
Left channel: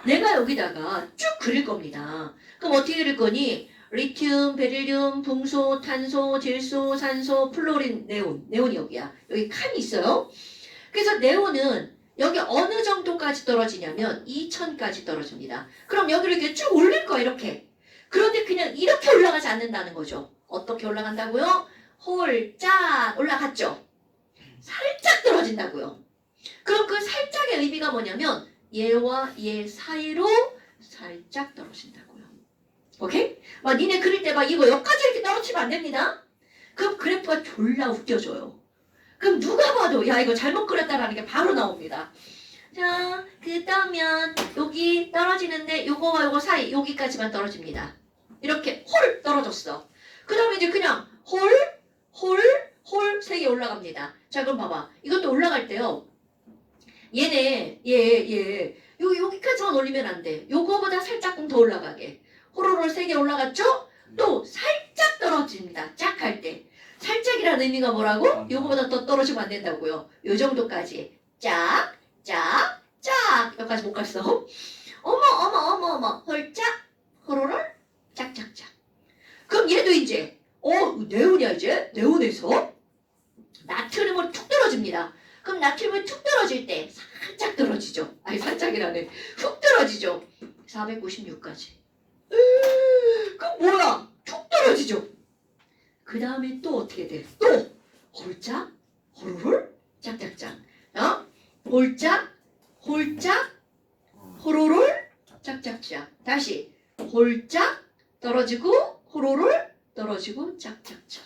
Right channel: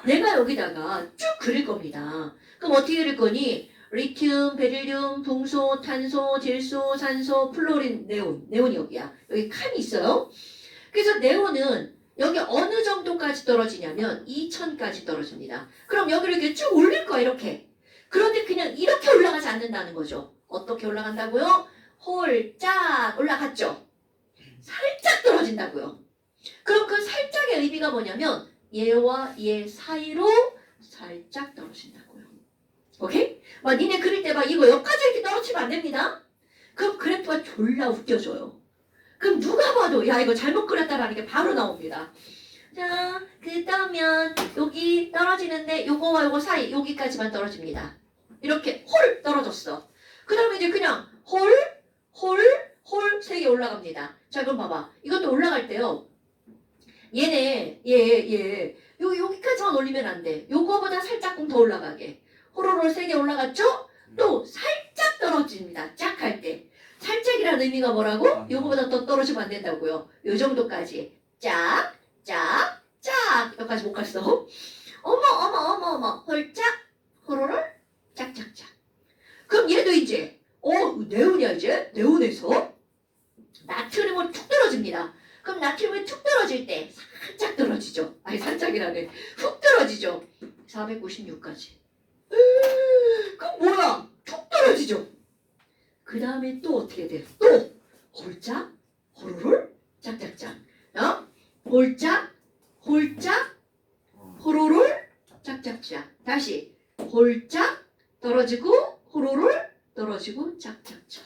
내가 여기다가 쭉 그릴 겁니다. 그럼 어떻게 그릴 거니? 리튬, 베릴륨, 붕소, 탄소, 질소, 산소, 플로린, 네온이 여기야. 여기 칸이 있어요. 그래서 네온은 여기 어느 정도까지 떨어지냐면 2000까지 떨어집니다. 그럼 여기를 이렇게 쭉 올릴 거야 이렇게. 그런데 그냥 이렇게 올라가지 않는다는 거죠. 어떻게 올라간다고요? 홀짝 올라갔죠. 살짝 떨어진다고요. 그럼 그 살짝의 의미가 뭐냐면 얘와 얘 사이로 살짝 떨어진다고요. 오케이? 막 니네 그릴 때 막 이거 여기까지 이렇게 떨어뜨리면 안 됩니다. 그럼 그래프가 졸라 웃겨져요. 그럼 누가 봐도 야 이거 잘못 그렸다라는 게 바로 나옵니다. 자, 그다음면 여기 떨어지는데 요거와 요거 사이 여기까지만 떨어집니다. 이렇게 홀 떨어졌어. 그 다음에 이제 그냥 홀 3개 올라갑니다. 자 그럼 봐봐. 이것도 올라갈 때요. 얘네 얘 여기까지만 올리면 안 돼. 요거보다 살짝 더 올라가게. 호로로 3개 올라갔죠? 또 살짝 떨어집니다. 짝 할 때. 살짝이라는 의미가 뭐라고? 요거보다 더 떨어지면 안 된다고요. 요 정도까지. 짝, 짝, 짝. 여기까지 못 갔어. 어머. 홀짝, 호로를 짝짝짝. 그럼 얘도 이제 네온이야 이제. 네온에서 나트륨을 툭 떨어집니다. 그럼 나트륨이 툭 떨어질 때 살짝 떨어지죠. 아니 살짝이라네. 훅 떨어지죠. 496까지. 그럼 뭐야? 툭 떨어지죠. 그 다음에 또 어떻게 돼? 또 홀짝, 호로롤, 짝짝짝. 홀짝, 호로롤, 짝짝짝. 다시 홀짝 떨어지고 호로롤 떨어지고 짝짝짝.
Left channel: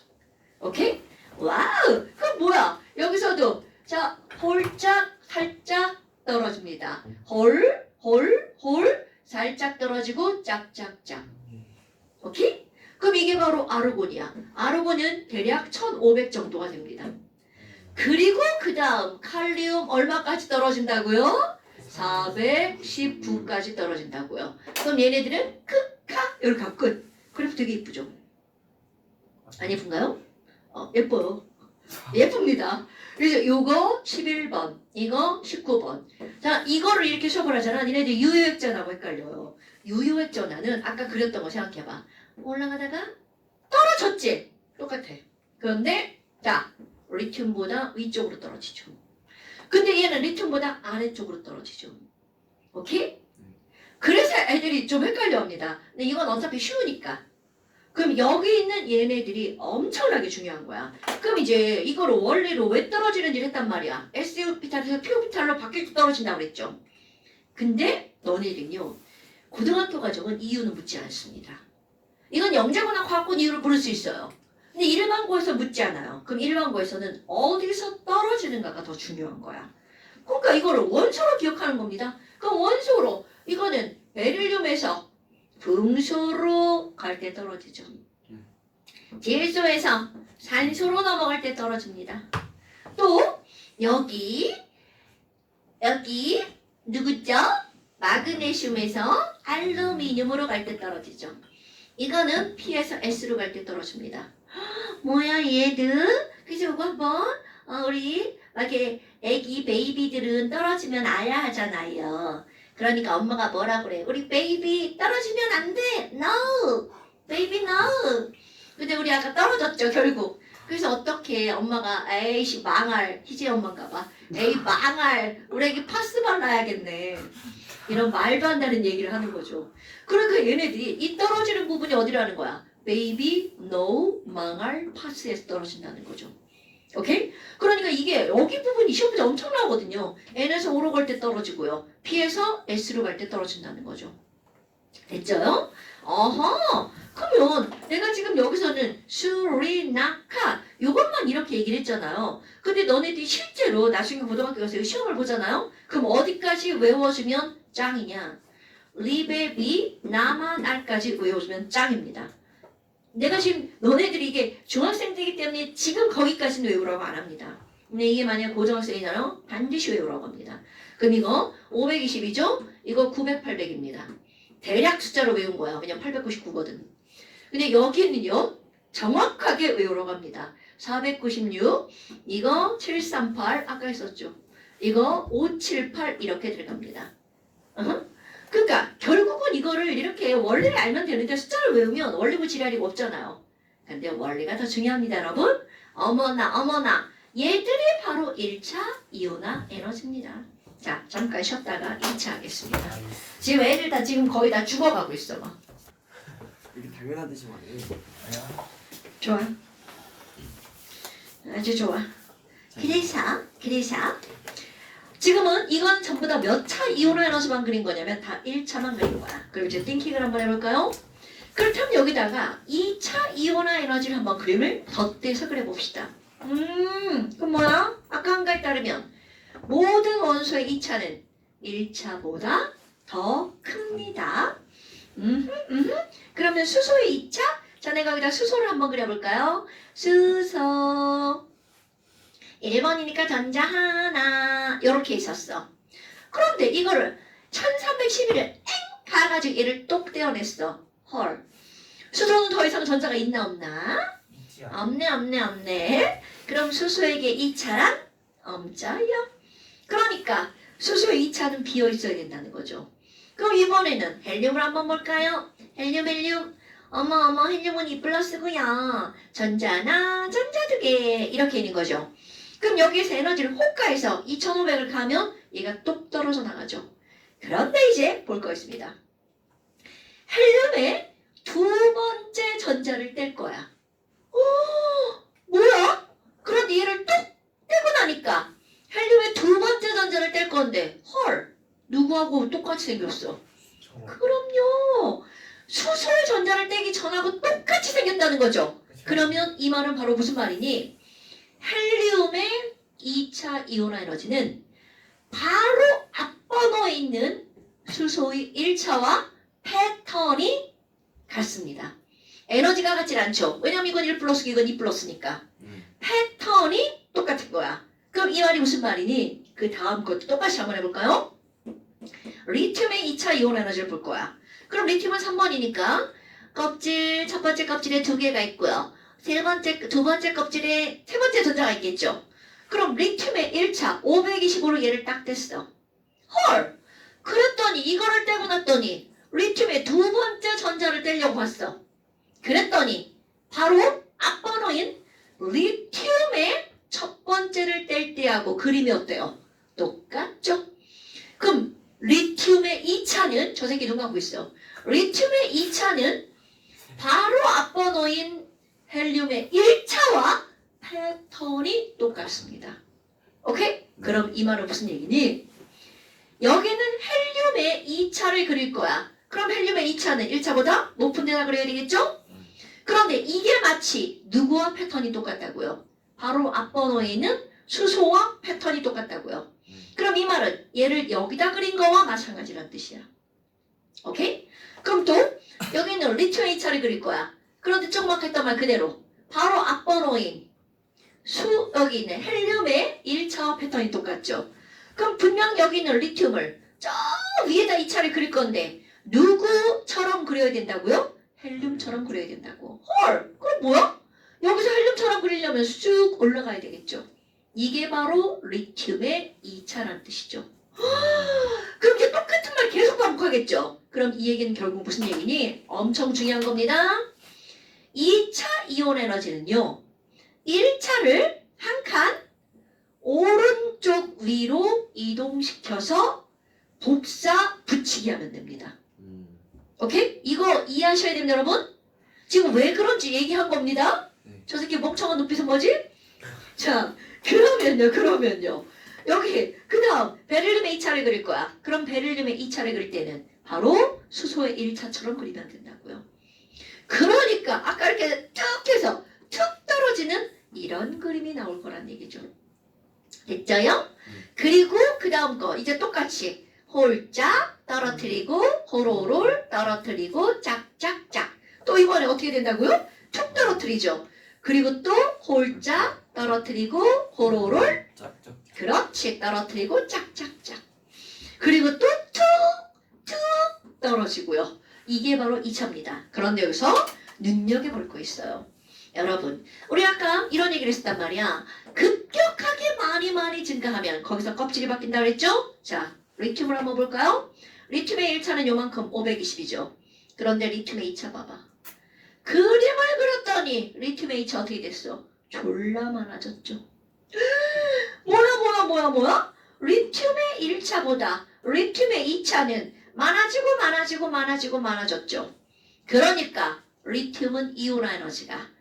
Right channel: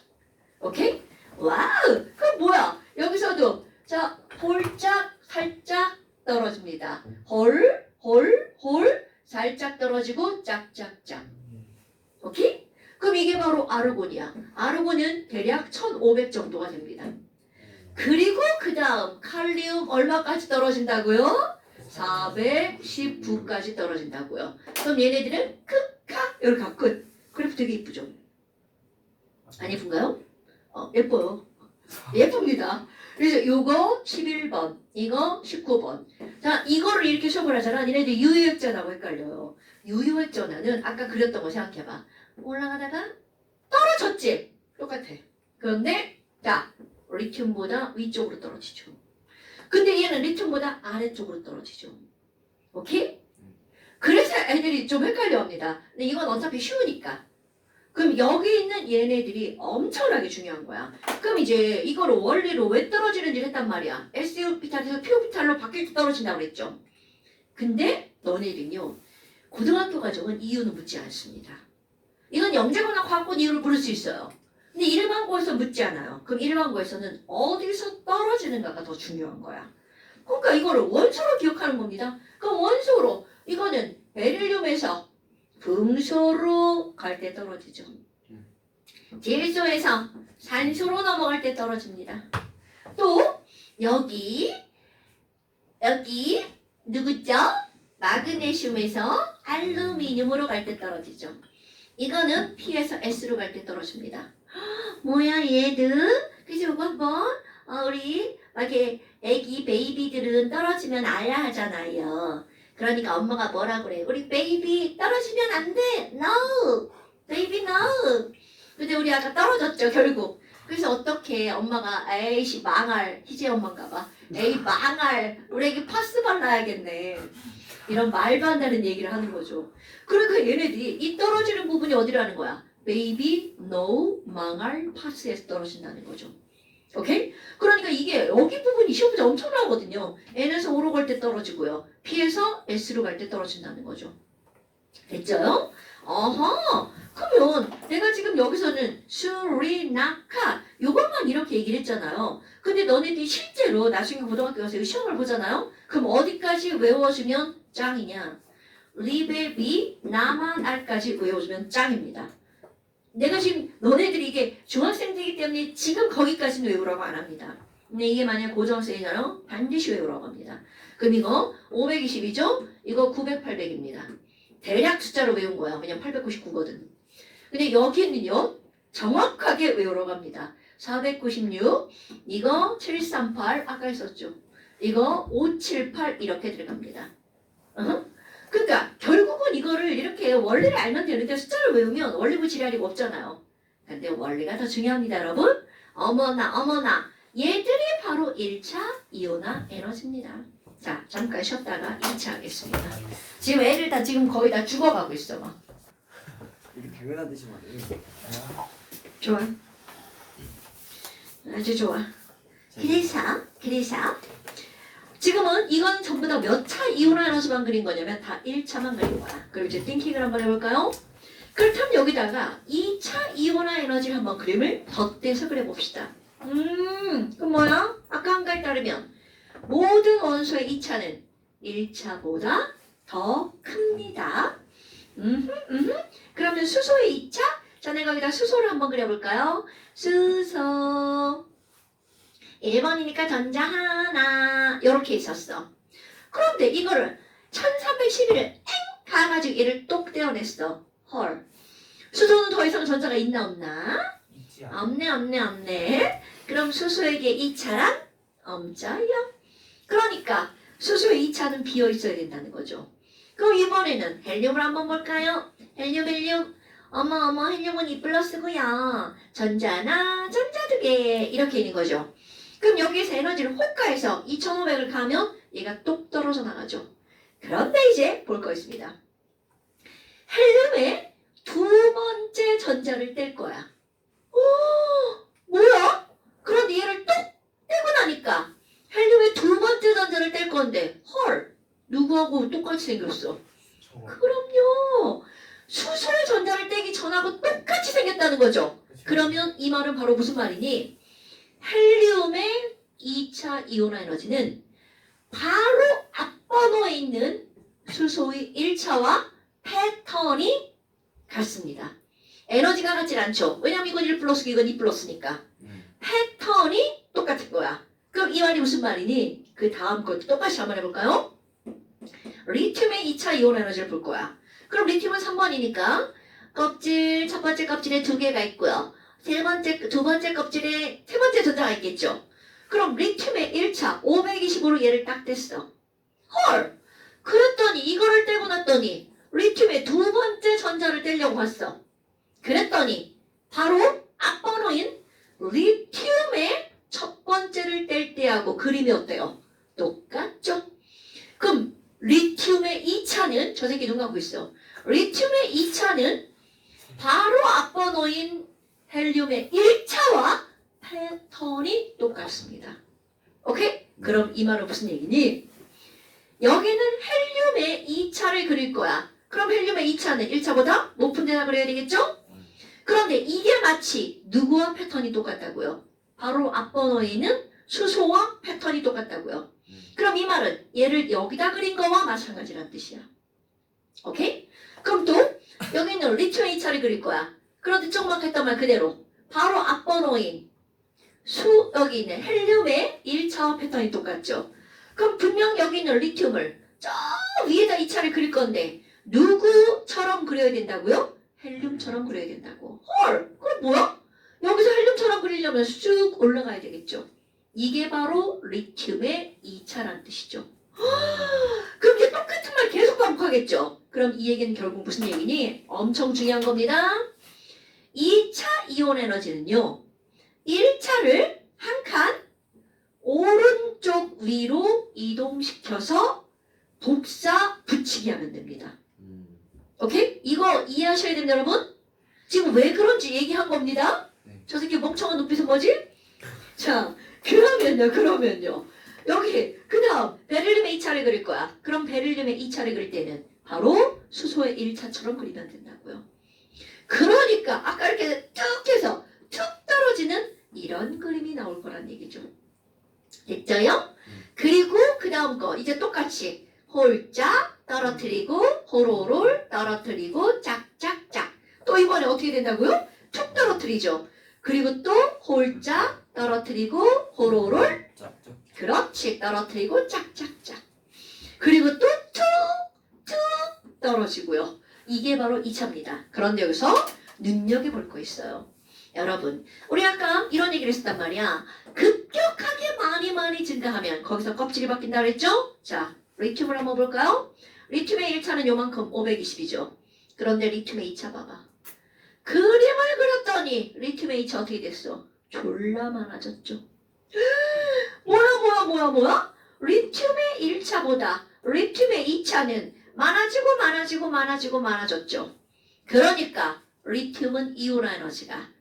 오케이? 와우! 그럼 뭐야? 여기서도 자 홀짝 살짝 떨어집니다. 홀 살짝 떨어지고 짝짝짝. 오케이? 그럼 이게 바로 아르곤이야. 아르곤은 대략 1500 정도가 됩니다. 그리고 그 다음 칼륨 얼마까지 떨어진다고요? 419까지 떨어진다고요. 그럼 얘네들은 크카 이렇게 끝. 그래프 되게 이쁘죠? 안 예쁜가요? 예뻐요. 예쁩니다. 그래서 요거 11번, 이거 19번. 자, 이거를 이렇게 수업을 하잖아. 니네들 유효액전하고 헷갈려요. 유효액전하는 아까 그렸던 거 생각해봐. 올라가다가 떨어졌지? 똑같아. 그런데 자, 리튬보다 위쪽으로 떨어지죠. 근데 얘는 리튬보다 아래쪽으로 떨어지죠. 오케이? 그래서 애들이 좀 헷갈려합니다. 근데 이건 어차피 쉬우니까. 그럼 여기 있는 얘네들이 엄청나게 중요한 거야. 그럼 이제 이거를 원리로 왜 떨어지는지 했단 말이야. SO피탈에서 PO피탈로 바뀔 때 떨어진다고 그랬죠. 근데 너네들은요. 고등학교 과정은 이유는 묻지 않습니다. 이건 영재고나 과학권 이유를 물을 수 있어요. 근데 일반고에서 묻지 않아요. 그럼 일반고에서는 어디서 떨어지는가가 더 중요한 거야. 그러니까 이거를 원소로 기억하는 겁니다. 그럼 원소로 이거는 베릴륨에서 금소로 갈 때 떨어지죠. 질소에서 산소로 넘어갈 때 떨어집니다. 또 여기 누구죠? 마그네슘에서 알루미늄으로 갈 때 떨어지죠. 이거는 P에서 S로 갈 때 떨어집니다. 뭐야 얘들? 그래서 이거 한번 우리 이렇게 애기 베이비들은 떨어지면 알아야 하잖아요. 그러니까 엄마가 뭐라 그래? 우리 베이비 떨어지면 안 돼. No. 베이비 no. 근데 우리 아까 떨어졌죠 결국. 그래서 어떻게 엄마가 에이씨 망할 희재 엄마인가 봐. 에이 망할 우리 애기 파스 발라야겠네. 이런 말도 안 되는 얘기를 하는 거죠. 그러니까 얘네들이 이 떨어지는 부분이 어디라는 거야? 베이비 no 망할 파스에서 떨어진다는 거죠. 오케이? 그러니까 이게 여기 부분이 시험 문제 엄청 나오거든요. N에서 O로 갈 때 떨어지고요. P에서 S로 갈 때 떨어진다는 거죠. 됐죠? 어허. 그러면 내가 지금 여기서는 수리나카 요것만 이렇게 얘기를 했잖아요. 근데 너네들이 실제로 나중에 고등학교 가서 시험을 보잖아요. 그럼 어디까지 외워주면 짱이냐? 리베비 나만알까지 외워주면 짱입니다. 내가 지금 너네들이 이게 중학생들이기 때문에 지금 거기까지는 외우라고 안 합니다. 근데 이게 만약 고등학생이잖아요. 반드시 외우라고 합니다. 그럼 이거 520이죠? 이거 900, 800입니다. 대략 숫자로 외운 거야. 왜냐면 899거든. 근데 여기는요. 정확하게 외우라고 합니다. 496, 이거 738 아까 했었죠. 이거 578 이렇게 들어갑니다. 그러니까 결국은 이거를 이렇게 원리를 알면 되는데 숫자를 외우면 원리고 지랄이고 없잖아요. 근데 원리가 더 중요합니다, 여러분. 어머나 얘들이 바로 1차 이온화 에너지입니다. 자, 잠깐 쉬었다가 2차 하겠습니다. 지금 애들 다 지금 거의 다 죽어가고 있어 막. 이게 당연한 듯이 말이에요. 좋아. 아주 좋아. 그래서 지금은 이건 전부 다 몇 차 이온화 에너지만 그린 거냐면 다 1차만 그린 거야. 그럼 이제 띵킹을 한번 해볼까요? 그렇다면 여기다가 2차 이온화 에너지를 한번 그림을 덧대서 그려봅시다. 그럼 뭐야? 아까 한 가에 따르면 모든 원소의 2차는 1차보다 더 큽니다. 그러면 수소의 2차? 자, 내가 여기다 수소를 한번 그려볼까요? 수소 1번이니까 전자 하나 이렇게 있었어. 그런데 이거를 1311을 엥 가가지고 얘를 똑 떼어냈어. 헐. 수소는 더 이상 전자가 있나 없나? 있지 않아. 없네. 그럼 수소에게 2차란 없어요. 그러니까 수소의 2차는 비어 있어야 된다는 거죠. 그럼 이번에는 헬륨을 한번 볼까요? 헬륨. 어머 헬륨은 2+고요. 전자나 전자 2개 이렇게 있는 거죠. 그럼 여기에서 에너지를 호가해서 2500을 가면 얘가 똑 떨어져 나가죠. 그런데 이제 볼 거 있습니다. 헬륨의 두 번째 전자를 뗄 거야. 오, 뭐야? 그런데 얘를 똑 떼고 나니까 헬륨의 두 번째 전자를 뗄 건데 헐, 누구하고 똑같이 생겼어? 저거. 그럼요. 수소의 전자를 떼기 전하고 똑같이 생겼다는 거죠. 그러면 이 말은 바로 무슨 말이니? 헬륨의 2차 이온화 에너지는 바로 앞번호에 있는 수소의 1차와 패턴이 같습니다. 에너지가 같질 않죠. 왜냐면 이건 1+, 이건 2+니까. 패턴이 똑같은 거야. 그럼 이 말이 무슨 말이니? 그 다음 것도 똑같이 한번 해볼까요? 리튬의 2차 이온 에너지를 볼 거야. 그럼 리튬은 3번이니까 껍질, 첫 번째 껍질에 2개가 있고요. 두 번째 껍질에 세 번째 전자가 있겠죠. 그럼 리튬의 1차 525로 얘를 딱 뗐어. 헐! 그랬더니 이거를 떼고 났더니 리튬의 두 번째 전자를 떼려고 했어. 그랬더니 바로 앞번호인 리튬의 첫 번째를 뗄 때하고 그림이 어때요? 똑같죠? 그럼 리튬의 2차는 저 새끼 눈 감고 있어. 리튬의 2차는 바로 앞번호인 헬륨의 1차와 패턴이 똑같습니다. 오케이? 그럼 이 말은 무슨 얘기니? 여기는 헬륨의 2차를 그릴 거야. 그럼 헬륨의 2차는 1차보다 높은 데다 그려야 되겠죠? 그런데 이게 마치 누구와 패턴이 똑같다고요? 바로 앞번호에 있는 수소와 패턴이 똑같다고요. 그럼 이 말은 얘를 여기다 그린 거와 마찬가지란 뜻이야. 오케이? 그럼 또 여기는 리튬의 2차를 그릴 거야. 그런데 조그맣했던 말 그대로 바로 앞번호인 여기 있는 헬륨의 1차와 패턴이 똑같죠. 그럼 분명 여기 있는 리튬을 저 위에다 2차를 그릴 건데 누구처럼 그려야 된다고요? 헬륨처럼 그려야 된다고. 헐! 그럼 뭐야? 여기서 헬륨처럼 그리려면 쑥 올라가야 되겠죠. 이게 바로 리튬의 2차라는 뜻이죠. 그럼 이게 똑같은 말 계속 반복하겠죠. 그럼 이 얘기는 결국 무슨 얘기니? 엄청 중요한 겁니다. 2차 이온 에너지는요. 1차를 한 칸 오른쪽 위로 이동시켜서 복사 붙이기 하면 됩니다. 오케이? 이거 이해하셔야 됩니다, 여러분. 지금 왜 그런지 얘기한 겁니다. 저 새끼 멍청한 눈빛은 뭐지? 자, 그러면요. 여기 그 다음 베릴륨의 2차를 그릴 거야. 그럼 베릴륨의 2차를 그릴 때는 바로 수소의 1차처럼 그리면 된다고요. 그러니까 아까 이렇게 쭉 해서 툭 떨어지는 이런 그림이 나올 거란 얘기죠. 됐죠요? 그리고 그 다음 거 이제 똑같이 홀짝 떨어뜨리고 호로롤 떨어뜨리고 짝짝짝. 또 이번에 어떻게 된다고요? 툭 떨어뜨리죠. 그리고 또 홀짝 떨어뜨리고 호로롤 짝짝. 그렇지 떨어뜨리고 짝짝짝. 그리고 또 툭툭 떨어지고요. 이게 바로 2차입니다. 그런데 여기서 눈여겨볼 거 있어요. 여러분 우리 아까 이런 얘기를 했단 말이야. 급격하게 많이 증가하면 거기서 껍질이 바뀐다 그랬죠? 자 리튬을 한번 볼까요? 리튬의 1차는 요만큼 520이죠. 그런데 리튬의 2차 봐봐. 그림을 그렸더니 리튬의 2차 어떻게 됐어? 졸라 많아졌죠. 뭐야? 리튬의 1차보다 리튬의 2차는 많아졌죠. 그러니까 리튬은 이온화 에너지가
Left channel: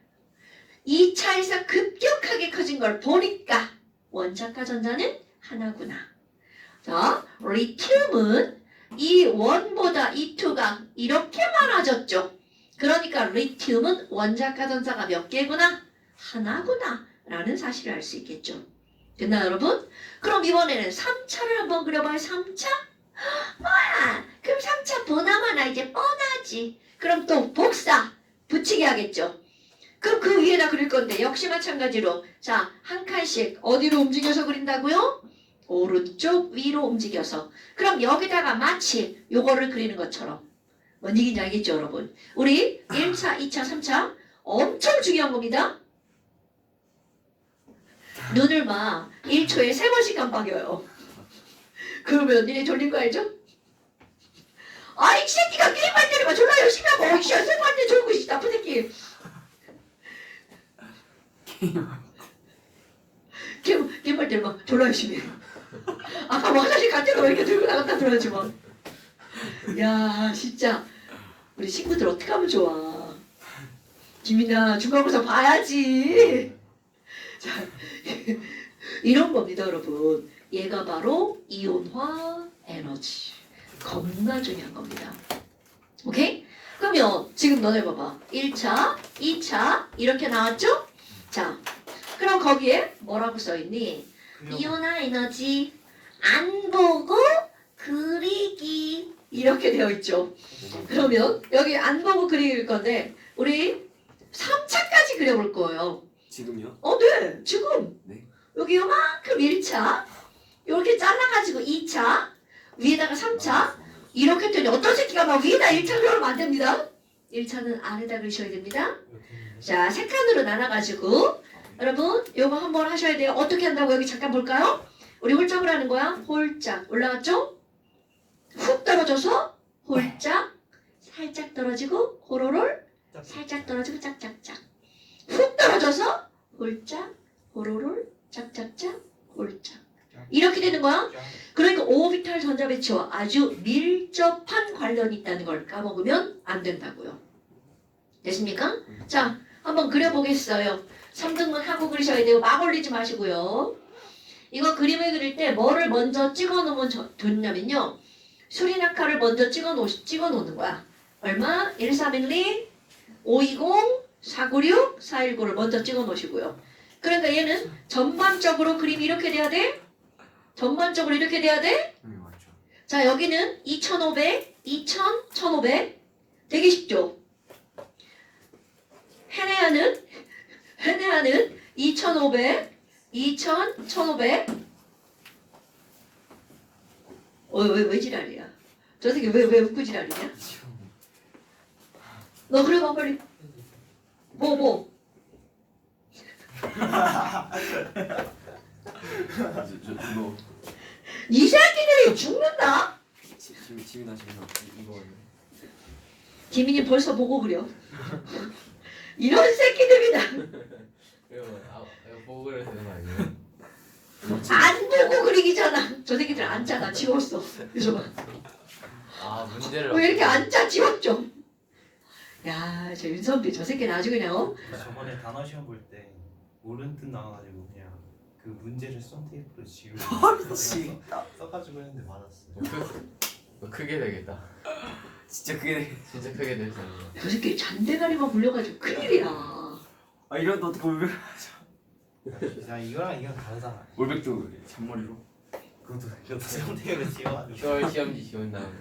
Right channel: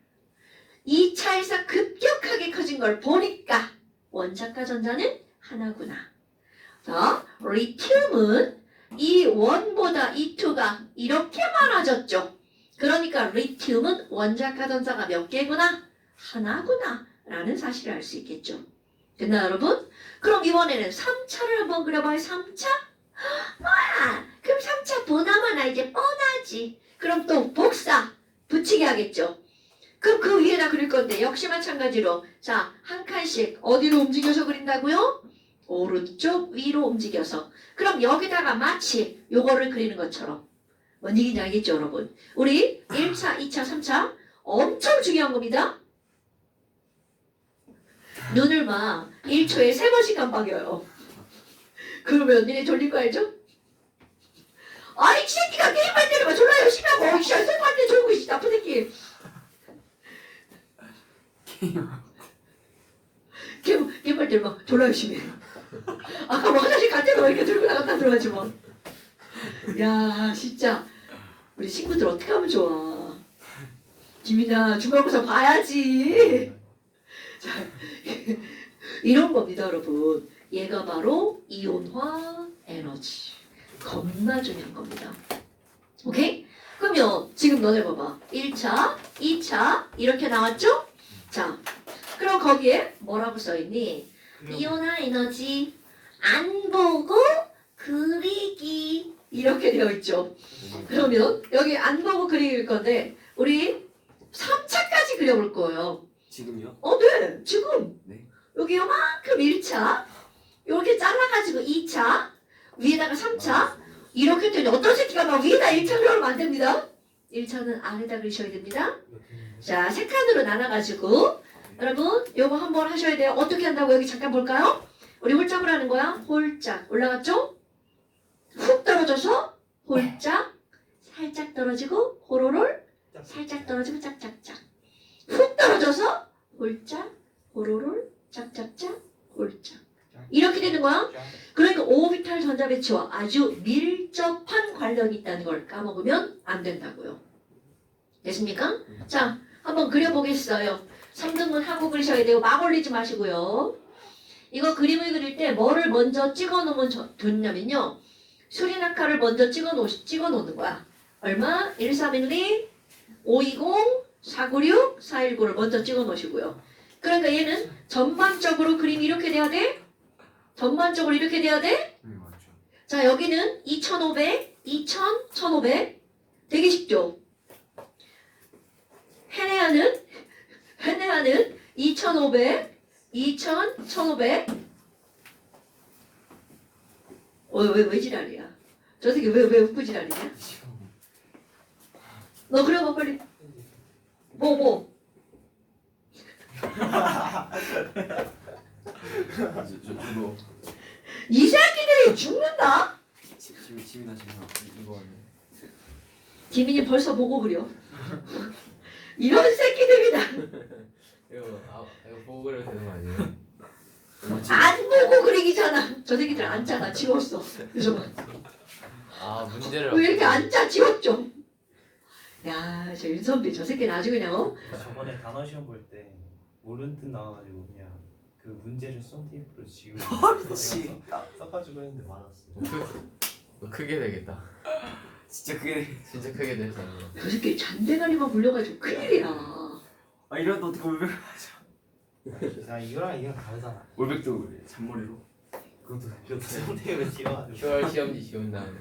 2차에서 급격하게 커진 걸 보니까 원자과 전자는 하나구나. 자, 리튬은 이 1보다 이 2가 이렇게 많아졌죠. 그러니까 리튬은 원자과 전자가 몇 개구나? 하나구나 라는 사실을 알 수 있겠죠. 됐나요 여러분? 그럼 이번에는 3차를 한번 그려봐요. 3차? 뭐야? 그럼 3차 보나마나 이제 뻔하지. 그럼 또 복사 붙이게 하겠죠. 그럼 그 위에다 그릴 건데 역시 마찬가지로 자, 한 칸씩 어디로 움직여서 그린다고요? 오른쪽 위로 움직여서. 그럼 여기다가 마치 요거를 그리는 것처럼. 뭔 얘기인지 알겠죠 여러분? 우리 1차, 2차, 3차 엄청 중요한 겁니다. 눈을 막 1초에 3번씩 깜빡여요. 그러면 니네 졸린 거 알죠? 아이 새끼가 게임만 때리면 졸라 열심히 하고 이씨 쌤한테 졸고 있어 나쁜 새끼. 게임할 때 막 졸라 열심히 해. 아까 뭐 화장실 갈 때도 막 이렇게 들고 나갔다 들어가지 뭐. 야 진짜 우리 친구들 어떻게 하면 좋아. 김이나 중간고사 봐야지. 자 이런 겁니다 여러분. 얘가 바로 이온화 에너지. 겁나 중요한 겁니다. 오케이? 그러면 지금 너네 봐봐. 1차, 2차 이렇게 나왔죠? 자, 그럼 거기에 뭐라고 써있니? 이온화 에너지 안 보고 그리기 이렇게 되어 있죠. 그러면 여기 안 보고 그릴 건데 우리 3차까지 그려볼 거예요. 지금요? 네. 지금. 네. 여기 요만큼 1차 이렇게 잘라가지고 2차 위에다가 3차 이렇게 되니 어떤 새끼가 막 위에다 1차 그려면 안 됩니다. 1차는 안에다 그리셔야 됩니다. 자, 세 칸으로 나눠가지고 여러분 요거 한번 하셔야 돼요. 어떻게 한다고 여기 잠깐 볼까요? 우리 홀짝을 하는 거야. 홀짝 올라갔죠? 훅 떨어져서 홀짝 살짝 떨어지고 호로롤 살짝 떨어지고 짝짝짝 훅 떨어져서 홀짝 호로롤 짝짝짝 홀짝 이렇게 되는 거야. 그러니까 오비탈 전자 배치와 아주 밀접한 관련이 있다는 걸 까먹으면 안 된다고요. 됐습니까? 자, 한번 그려보겠어요. 3등분 하고 그리셔야 되고 막 올리지 마시고요. 이거 그림을 그릴 때 뭐를 먼저 찍어 놓으면 좋냐면요. 수리낙하를 먼저 찍어 놓는 거야. 얼마? 1312, 520, 496, 419를 먼저 찍어 놓으시고요. 그러니까 얘는 전반적으로 그림이 이렇게 돼야 돼? 전반적으로 이렇게 돼야 돼? 네 맞죠. 자, 여기는 2500, 2000, 1500. 되게 쉽죠? 헤네아는 2500, 2000, 1500. 왜 지랄이야? 저 새끼 왜 웃고 지랄이냐? 너 그려봐 빨리. 뭐? 저도 이 새끼들이 죽는다? 지민아 이거 지민이 벌써 보고 그려. 이런 새끼들이다. 이거 보고 그려야 되는 거 아니에요? 안 보고 그리기잖아. 저 새끼들 안 짜. 나 지웠어. 그래서 아 문제를 왜 이렇게 안 짜? 지웠죠. 야, 저 윤선비 저 새끼 아주 그냥 저번에 단어 시험 볼 때 모르는 뜻 나와가지고 그냥 그 문제를 썬테이프로 지우고 미치. 써가지고 했는데 맞았어. 크게 되겠다. 진짜 그게 진짜 크게 될 수 있는. 저 새끼 잔대가리만 불려가지고 큰일이야. 아 이런 어떻게 올백 야 이거랑 다르잖아. 올백도 잔머리로 그것도 썬테이프로 지워가지고. 10월 시험지 지운 다음에.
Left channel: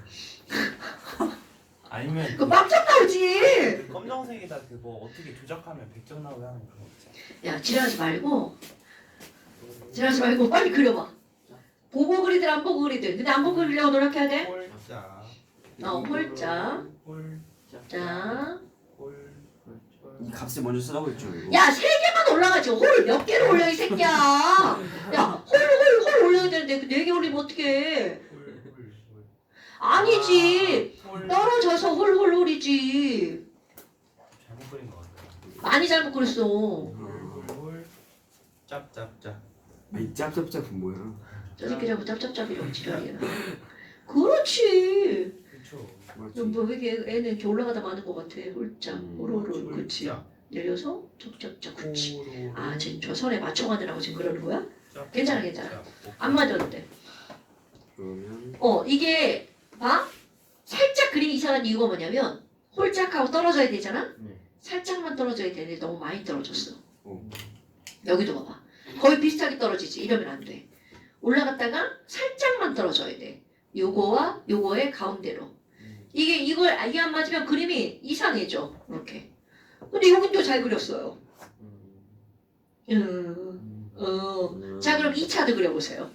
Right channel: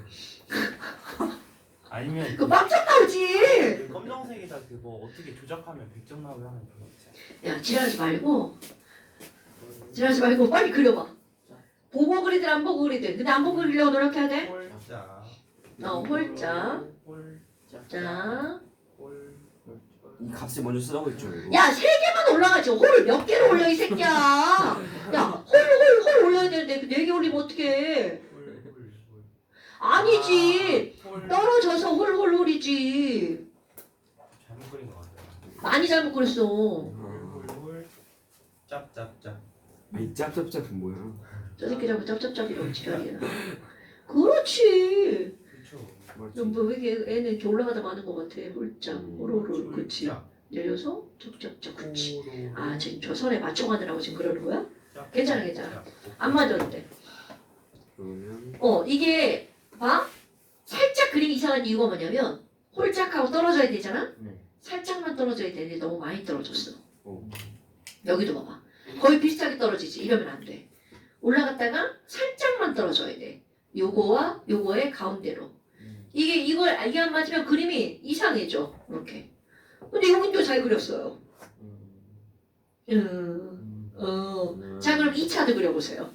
아니면 그거 빵점 나오지. 그 검정색에다 그거 어떻게 조작하면 100점 나오게 하는 그거 있잖아. 야, 지랄하지 말고 빨리 그려봐. 보고 그리든 안 보고 그리든. 근데 안 보고 그리려고 노력해야 돼. 홀짝. 홀짝. 홀짝. 자. 이 값을 먼저 쓰라고 했죠 이거. 야, 3개만 올라가지. 홀 몇 개를 올려 이 새끼야. 야, 홀 올려야 되는데 그 4개 올리면 어떡해. 아니지. 떨어져서 홀이지. 잘못 그린 것 같아. 많이 잘못 그렸어. 홀 짝짝짝. 이 짭짭짭은 뭐야? 저 새끼 자꾸 짭짭짭이라고 지랄이야. 그렇지. 그렇죠. 맞지? 뭐 이게 애는 이렇게 올라가다 마는 것 같아. 홀짝, 호로로, 그치. 내려서 쩍쩍쩍, 그치. 아, 지금 저 선에 맞춰가느라고 지금 그러는 거야? 괜찮아. 안 맞아도 돼. 그러면 이게 봐. 살짝 그림이 이상한 이유가 뭐냐면 홀짝하고 떨어져야 되잖아? 네. 살짝만 떨어져야 되는데 너무 많이 떨어졌어. 어. 여기도 봐봐. 거의 비슷하게 떨어지지. 이러면 안 돼. 올라갔다가 살짝만 떨어져야 돼. 요거와 요거의 가운데로. 이걸 이게 안 맞으면 그림이 이상해져. 이렇게. 근데 여긴 또 잘 그렸어요. 자 그럼 2차도 그려보세요.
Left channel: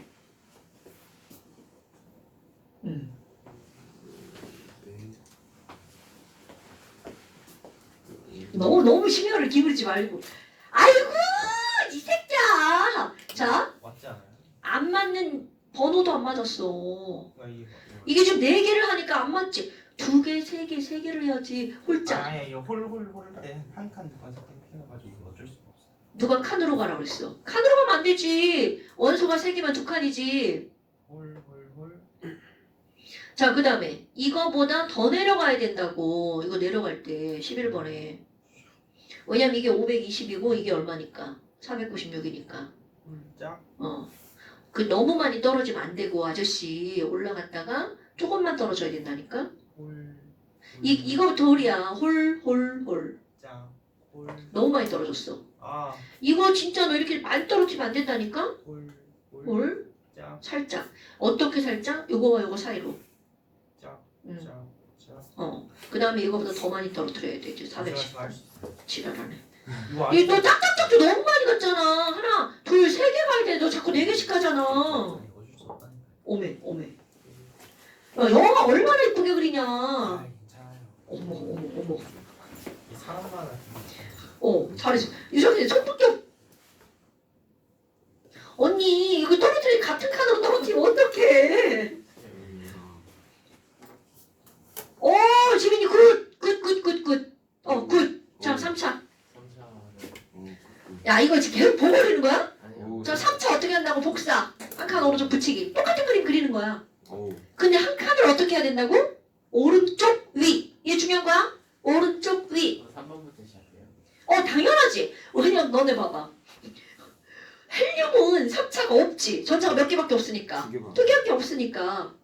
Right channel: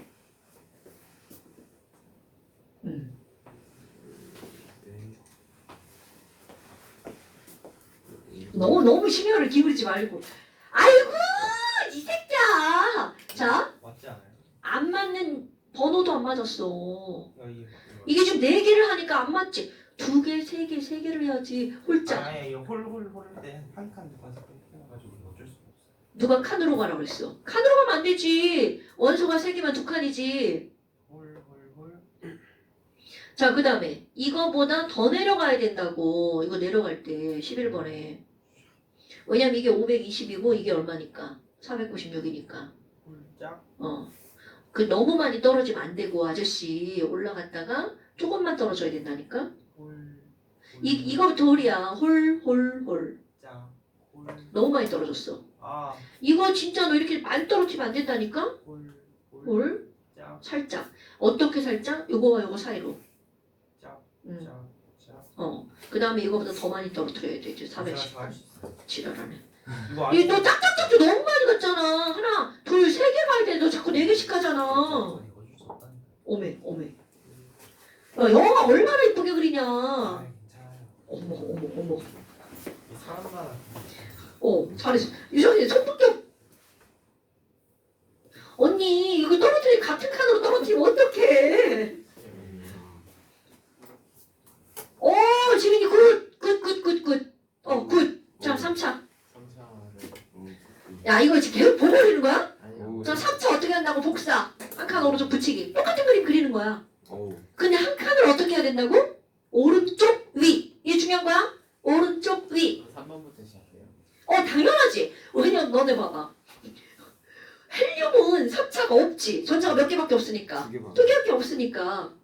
너무 신경을 기울이지 말고. 아이고 이 새끼야. 자, 맞지 않아요? 안 맞는 번호도 안 맞았어. 아, 이게 이게 지금 4개를 하니까 안 맞지. 2개, 3개, 3개를 해야지. 홀짝. 아예 홀홀홀 때한 칸 더까지 해가지고 어쩔 수가 없어. 누가 칸으로 가라고 그랬어. 칸으로 가면 안 되지. 원수가 3개면 2칸이지. 홀홀홀. 자, 그 다음에 이거보다 더 내려가야 된다고. 이거 내려갈 때 11번에. 왜냐면 이게 520이고 이게 얼마니까? 496이니까. 홀짝. 그 너무 많이 떨어지면 안 되고 아저씨 올라갔다가 조금만 떨어져야 된다니까. 홀. 이거 돌이야. 홀. 짝. 홀. 너무 많이 떨어졌어. 아. 이거 진짜 너 이렇게 많이 떨어지면 안 된다니까. 홀. 홀. 짝. 살짝. 어떻게 살짝? 요거와 요거 사이로. 짝. 응. 짝. 그 다음에 이거보다 더 많이 떨어뜨려야 돼. 이제 410. 제가 할수 있어. 지랄하네. 이거 너 짝짝짝도 너무 많이 갔잖아. 하나, 둘, 3개 가야 돼. 너 자꾸 4개씩 가잖아. 이거 줄 수 없다. 오메. 야, 영화 얼마나 이쁘게 그리냐. 아, 괜찮아요. 어머. 이 사람만 잘했어. 유정이 손톱도. 언니, 이거 떨어뜨리 같은 칸으로 떨어뜨리면 어떡해. 지민이 굿. 굿. 자, 3차. 3차를 야, 이거 지금 계속 보고 그리는 거야? 아니요. 자, 3차 어떻게 한다고? 복사. 한 칸 오른쪽 붙이기. 똑같은 그림 그리는 거야. 오. 근데 한 칸을 어떻게 해야 된다고? 오른쪽 위. 이게 중요한 거야? 오른쪽 위. 3번부터 시작해요. 당연하지. 왜냐면 너네 봐봐. 헬륨은 3차가 없지. 전자가 몇 개밖에 없으니까. 2개만. 2개밖에 없으니까.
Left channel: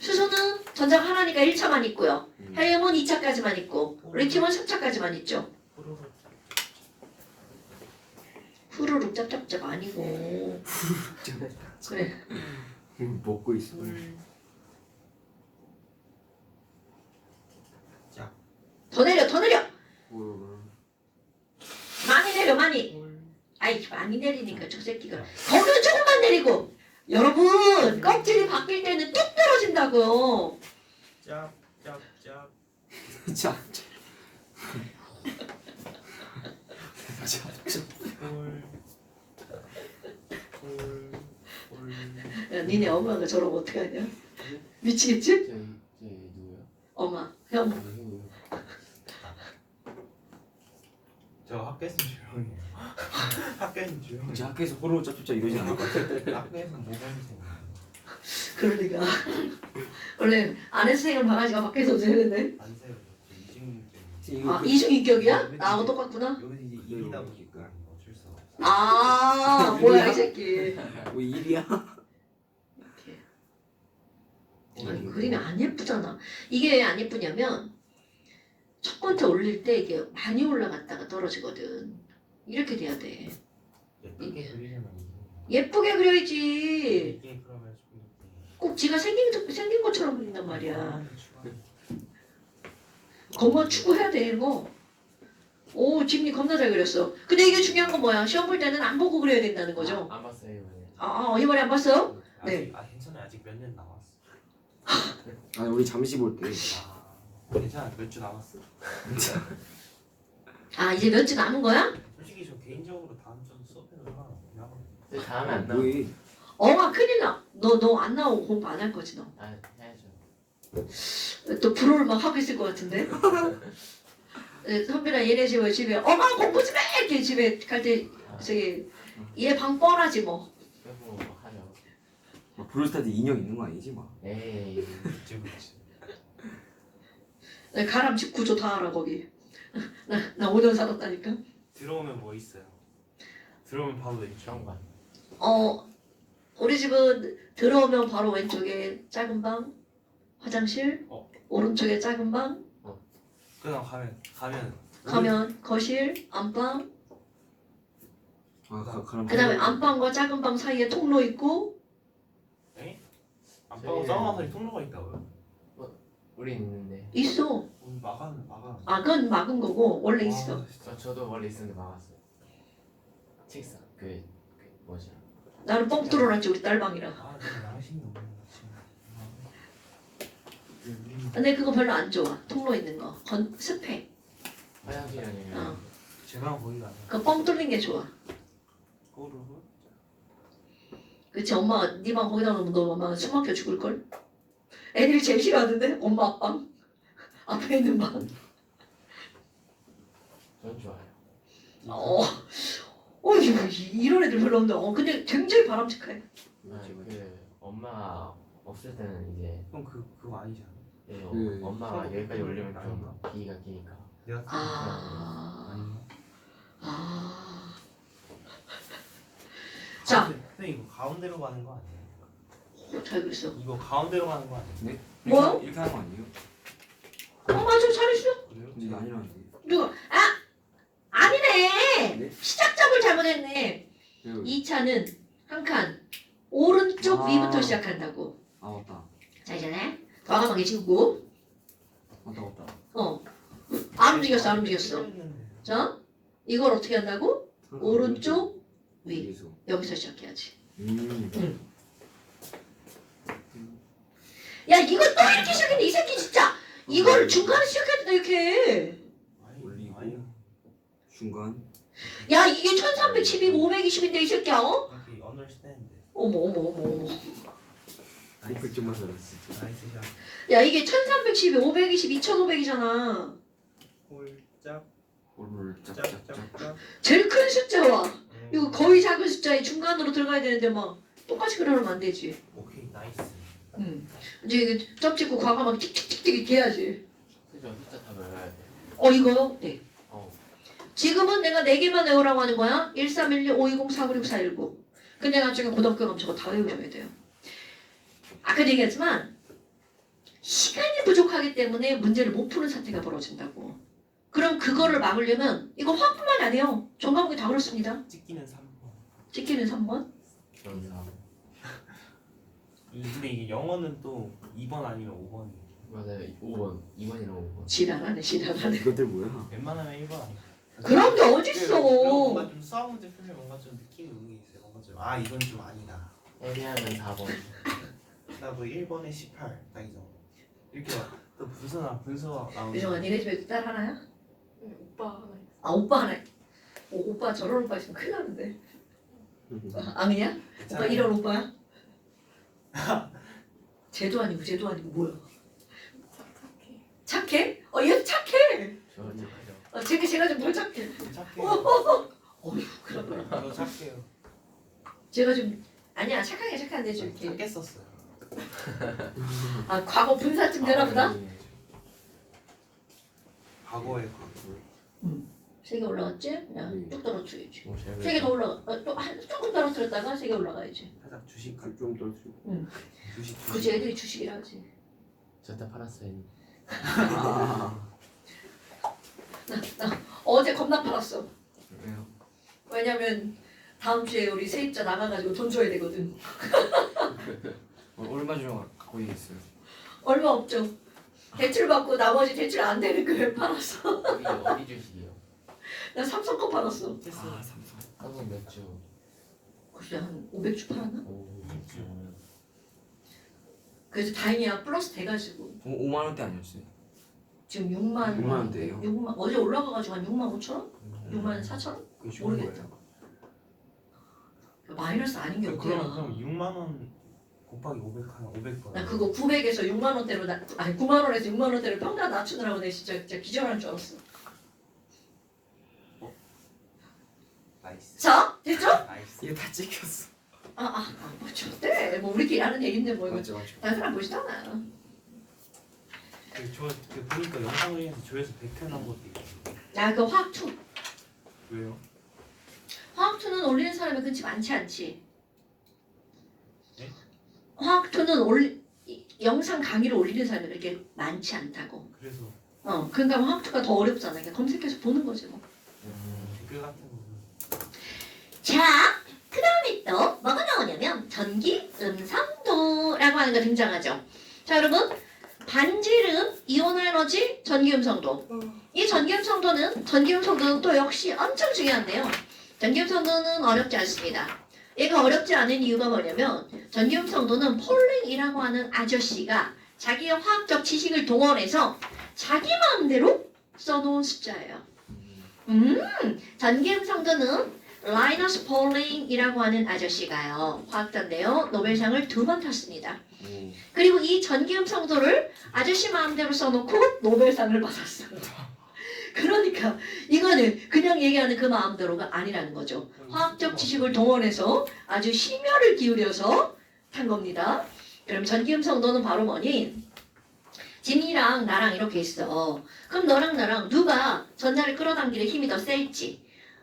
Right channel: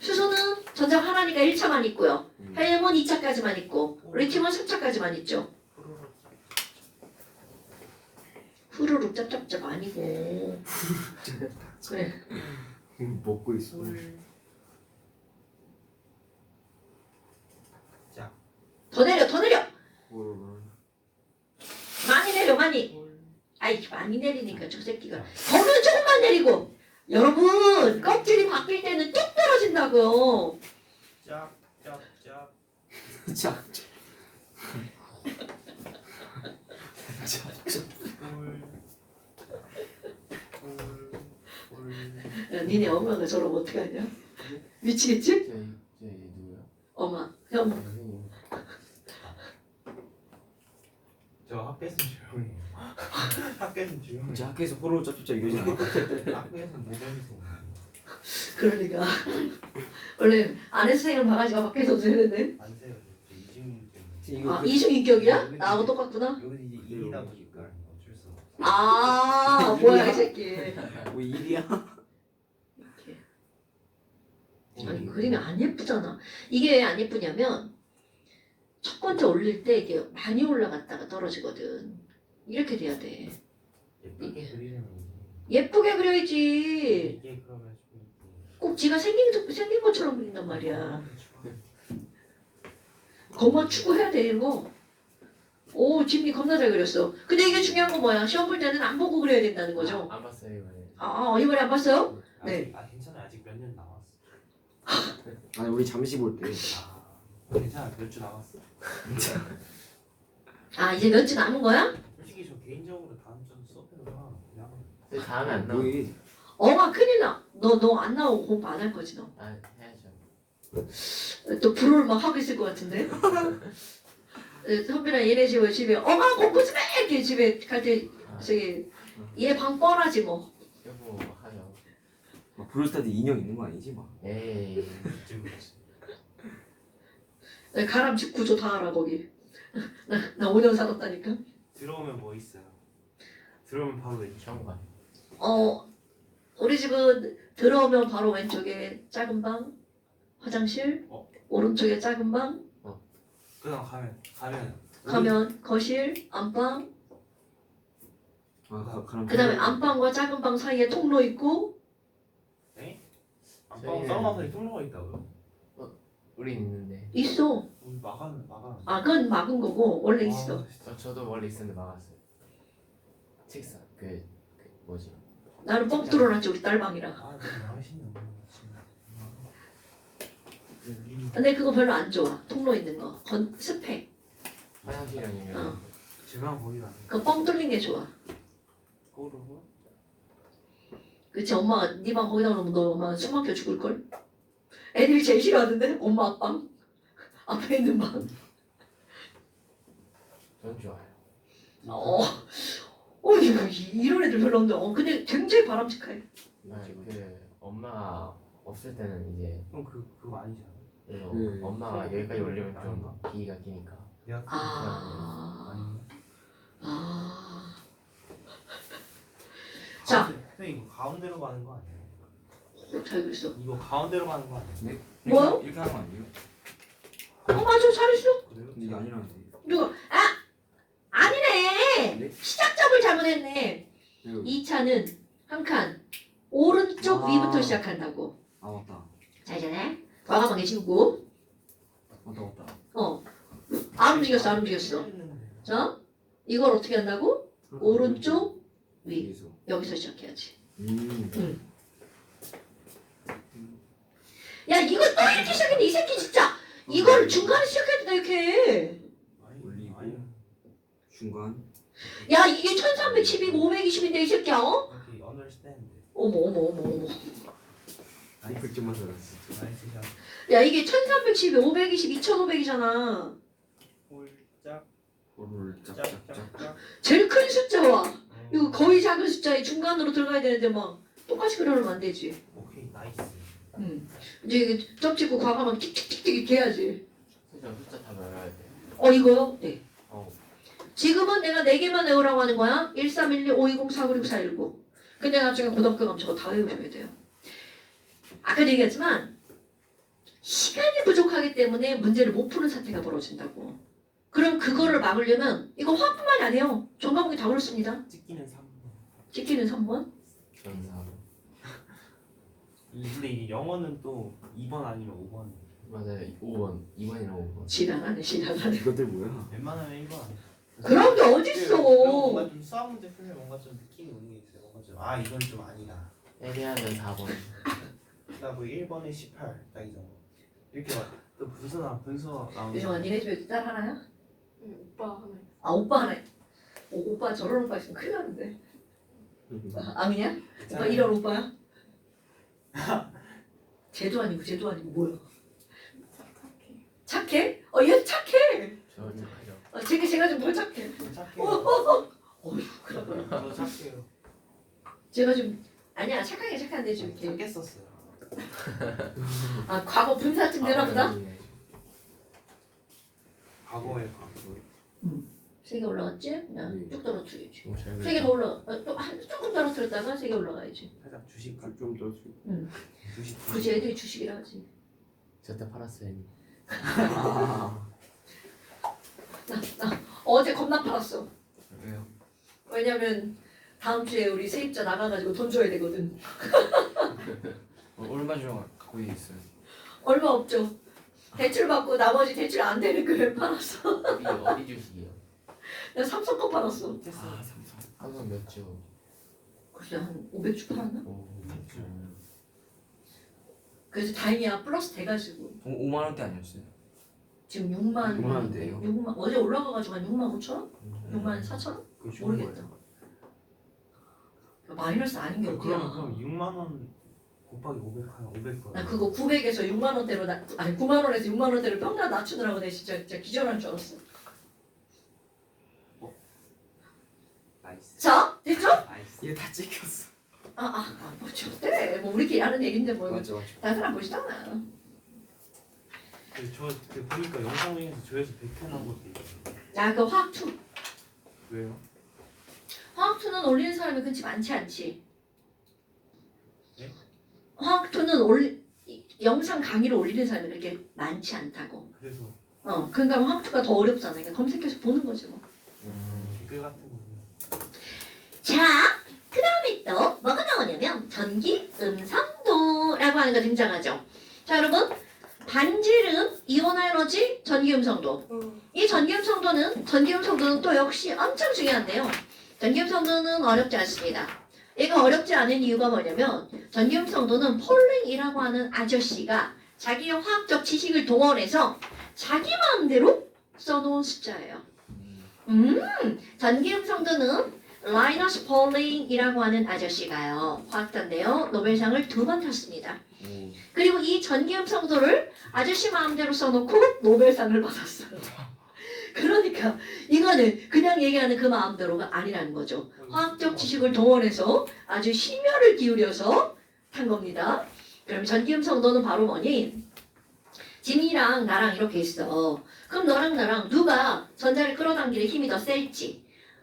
수소는 전자가 하나니까 1차만 있고요. 헬륨은 2차까지만 있고 리튬은 3차까지만 있죠. 후루룩 짭짭짭 아니고. 그래. 먹고 있어. 더 내려. 홀. 많이 내려 많이. 아이 많이 내리니까 저 새끼가. 더는 조금만 내리고. 여러분 껍질이 바뀔 때는 뚝 떨어진다고요. 짝. 자. 야, 니네 엄마가 저러면 어떡하냐? 미치겠지? 저희 누구요? 엄마, 형. 형이요. 저 학교에서 조용해요. 학교에서 조용해요. 이제 학교에서 호로 짭짭짭 이러지 않을 것 같아. 학교에서 모범생. 그러니까 원래 아는 선생님 바가지가 밖에서 없는데. 안 세요. 저 이중. 이중인격이야? 나하고 똑같구나. 여기 이제 일이다 보니까 어쩔 수 없어. 뭐야 이 새끼. 왜 일이야? 아니, 그림이 안 예쁘잖아. 이게 왜 안 예쁘냐면 첫 번째 올릴 때 이게 많이 올라갔다가 떨어지거든. 이렇게 돼야 돼. 예쁘게 그리려면 예쁘게 그려야지. 이게 그러면 좀 꼭 지가 생긴 것처럼 그린단 말이야. 것만 추구해야 돼 이거. 오, 지민이 겁나 잘 그렸어. 근데 이게 중요한 건 뭐야? 시험 볼 때는 안 보고 그려야 된다는 거죠. 안 봤어요 이번에. 이번에 안 봤어요? 네. 괜찮아요. 아직 몇 년 남았어. 아니 우리 잠시 볼 때. 괜찮아. 몇 주 남았어. 이제 몇 주 남은 거야? 솔직히 저 개인적으로 다음 주 수업에서 나가. 근데 다음에 안 나와. 뭐해? 큰일 나. 너 안 나오고 공부 안 할 거지 너. 해야죠. 또 불호를 막 하고 있을 것 같은데. 선배랑 얘네 집에 공부 좀 해! 이렇게 집에 갈 때 저기 얘 방 뻔하지 뭐. 여보 하죠. 브롤스타즈 인형 있는 거 아니지 막. 에이. 가람 집 구조 다 알아 거기. 나 5년 살았다니까. 들어오면 뭐 있어요? 들어오면 바로 왼쪽. 경관. 우리 집은 들어오면 바로 왼쪽에 작은 방, 화장실, 오른쪽에 작은 방, 그냥 가면 거실, 안방, 그럼 그다음에 안방과 작은 방 사이에 통로 있고 안방 쌍화살이 통로가 있다고요? 우린 있는데. 있어. 막아. 아 그건 막은 거고 원래 있어. 저도 원래 있었는데 막았어요. 책상 뭐지? 나는 뻥 뚫어놨지 우리 딸 방이랑. 내 양심이 없는 거지. 근데 그거 별로 안 좋아. 통로 있는 거. 습해. 화장실 아니면 제가 거기가 아니에요. 그 뻥 뚫린 게 좋아. 꼬르고 그치 엄마가 네 방 거기다 놓으면 너 엄마 숨 막혀 죽을 걸. 애들이 제일 싫어하는데 엄마 앞방 앞에 있는 방. 전 좋아요. 이런 애들 별로 없는데 근데 굉장히 바람직해. 엄마가 없을 때는 이제 그럼 그거 아니지 않아요? 엄마가 여기까지 올리면 좀 비위가 끼니까. 내가 자. 근데 이거 가운데로 가는 거 아니에요? 잘 알고 있어. 이거 가운데로 가는 거 아니에요? 뭐요? 이렇게 하는 거 아니에요? 맞아 잘했어. 그래요? 이게 아니라는데. 누가? 아니네. 네? 시작점을 잘못했네. 이 차는 한 칸 오른쪽 위부터 시작한다고. 맞다. 자 이제 과감하게 지우고. 맞다. 안 움직였어. 자 이걸 어떻게 한다고? 오른쪽 위. 위에서. 여기서 시작해야지. 음. 야 이거 또 이렇게 시작했네 이 새끼 진짜. 이걸 중간에 시작해야 된다 이렇게. 올리고. 아니. 중간. 야 이게 1310이고 520인데 이 새끼야 여기 understand. 어머. 100점만 살았어. 나이스 샷. 야 이게 1310에 520, 2500이잖아. 홀짝 호를 짝짝짝. 짝짝짝. 제일 큰 숫자와 이거 거의 작은 숫자에 중간으로 들어가야 되는데 막 똑같이 그러면 안 되지. 오케이 나이스. 이제 이게 점 찍고 과감하게 틱틱틱틱 이렇게 해야지. 그죠? 숫자 다 외워야 돼. 이거요? 네. 어. 지금은 내가 4개만 외우라고 하는 거야. 1312, 520, 496, 419. 근데 나중에 고등학교 가면 저거 다 외우셔야 돼요. 아까도 얘기했지만 시간이 부족하기 때문에 문제를 못 푸는 사태가 벌어진다고. 그럼 그거를 막으려면 이거 화뿐만 안 해요. 전 과목이 다 그렇습니다. 찍기는 3번. 찍기는 3번. 전사. 근데 이게 영어는 또 2번 아니면 5번이에요. 맞아요. 5번. 2번이랑 5번. 지랄하네. 이것들 뭐야? 웬만하면 1번 아니에요. 그런 게 그리고 어딨어. 뭔가 좀 수학 문제 풀면 뭔가 좀 느낌이 오는 게 있어요. 뭔가 좀 이건 좀 아니다. 애매하면 4번. 뭐 1번에 18, 딱 이 정도. 이렇게 또 분수가 나오는. 유정아 니네 집에 딸 하나야? 오빠 하나 있어. 오빠 하나. 오빠 저런 오빠 있으면 큰일 나는데. 아니냐? 오빠 이런 오빠야? 쟤도 아니고 뭐야? 착해? 얘 착해. 저 착하죠. 제가 좀 더 착해. 착해요. 어휴 그래. 저도 착해요. 제가 좀 아니야 착한데 좀 이렇게. 착했었어요. 과거 분사쯤 되나 보다? 과거에 3개 올라갔지? 그냥 네. 쭉 떨어뜨리지. 너무 잘 3개 더 올라가. 조금 떨어뜨렸다가 3개 올라가야지. 살짝 주식 좀 더. 주식. 굳이 애들이 주식이라 하지. 저때 팔았어요. 어제 겁나 팔았어. 왜요? 왜냐면 다음 주에 우리 세입자 나가가지고 돈 줘야 되거든. 얼마 주고 갖고 있어요? 얼마 없죠. 대출 받고 나머지 대출 안 되는 걸 팔았어. 어디 주식이요? 나 삼성 거 팔았어. 삼성. 한번 몇 주? 글쎄 한 500주 팔았나? 오. 그래서 다행이야 플러스 돼가지고 5만 원대 아니었어요? 지금 6만 6만 원대예요? 6만 어제 올라가가지고 한 6만 5천 원? 6만 4천 원? 그게 좋은 모르겠다. 거예요. 마이너스 아닌 게 어디야? 그럼 6만 원 곱하기 500 나 그거 900에서 6만 원대로 9만 원에서 6만 원대로 평가 낮추느라고 내가 진짜 기절할 줄 알았어. 나이스. 자 됐죠? 나이스. 이거 다 찍혔어. 뭐 좋대. 뭐 우리끼리 하는 얘긴데 뭐 이거 맞죠. 다른 사람 보시잖아. 저 보니까 영상 중에서 조회수 100회 나온 것도 있어요. 야 그 화학2 왜요? 화학2는 올리는 사람이 그렇지 많지 않지. 네? 화학2는 영상 강의를 올리는 사람이 그렇게 많지 않다고. 그래서 그러니까 화학투가 더 어렵잖아. 그러니까 검색해서 보는 거지 뭐. 댓글 같은 거. 자, 그 다음에 또 뭐가 나오냐면 전기 음성도라고 하는 거 등장하죠. 자, 여러분 반지름 이온 알러지 전기 음성도. 이 전기 음성도는 또 역시 엄청 중요한데요. 전기 음성도는 어렵지 않습니다. 얘가 어렵지 않은 이유가 뭐냐면 전기 음성도는 폴링이라고 하는 아저씨가 자기의 화학적 지식을 동원해서 자기 마음대로 써놓은 숫자예요. 전기 음성도는 라이너스 폴링이라고 하는 아저씨가요. 화학자인데요. 노벨상을 2번 탔습니다. 그리고 이 전기 음성도를 아저씨 마음대로 써놓고 노벨상을 받았어요. 그러니까 이거는 그냥 얘기하는 그 마음대로가 아니라는 거죠. 화학적 지식을 동원해서 아주 심혈을 기울여서 탄 겁니다. 그럼 전기 음성도는 바로 뭐니? 진이랑 나랑 이렇게 있어. 그럼 너랑 나랑 누가 전자를 끌어당기는 힘이 더 셀지?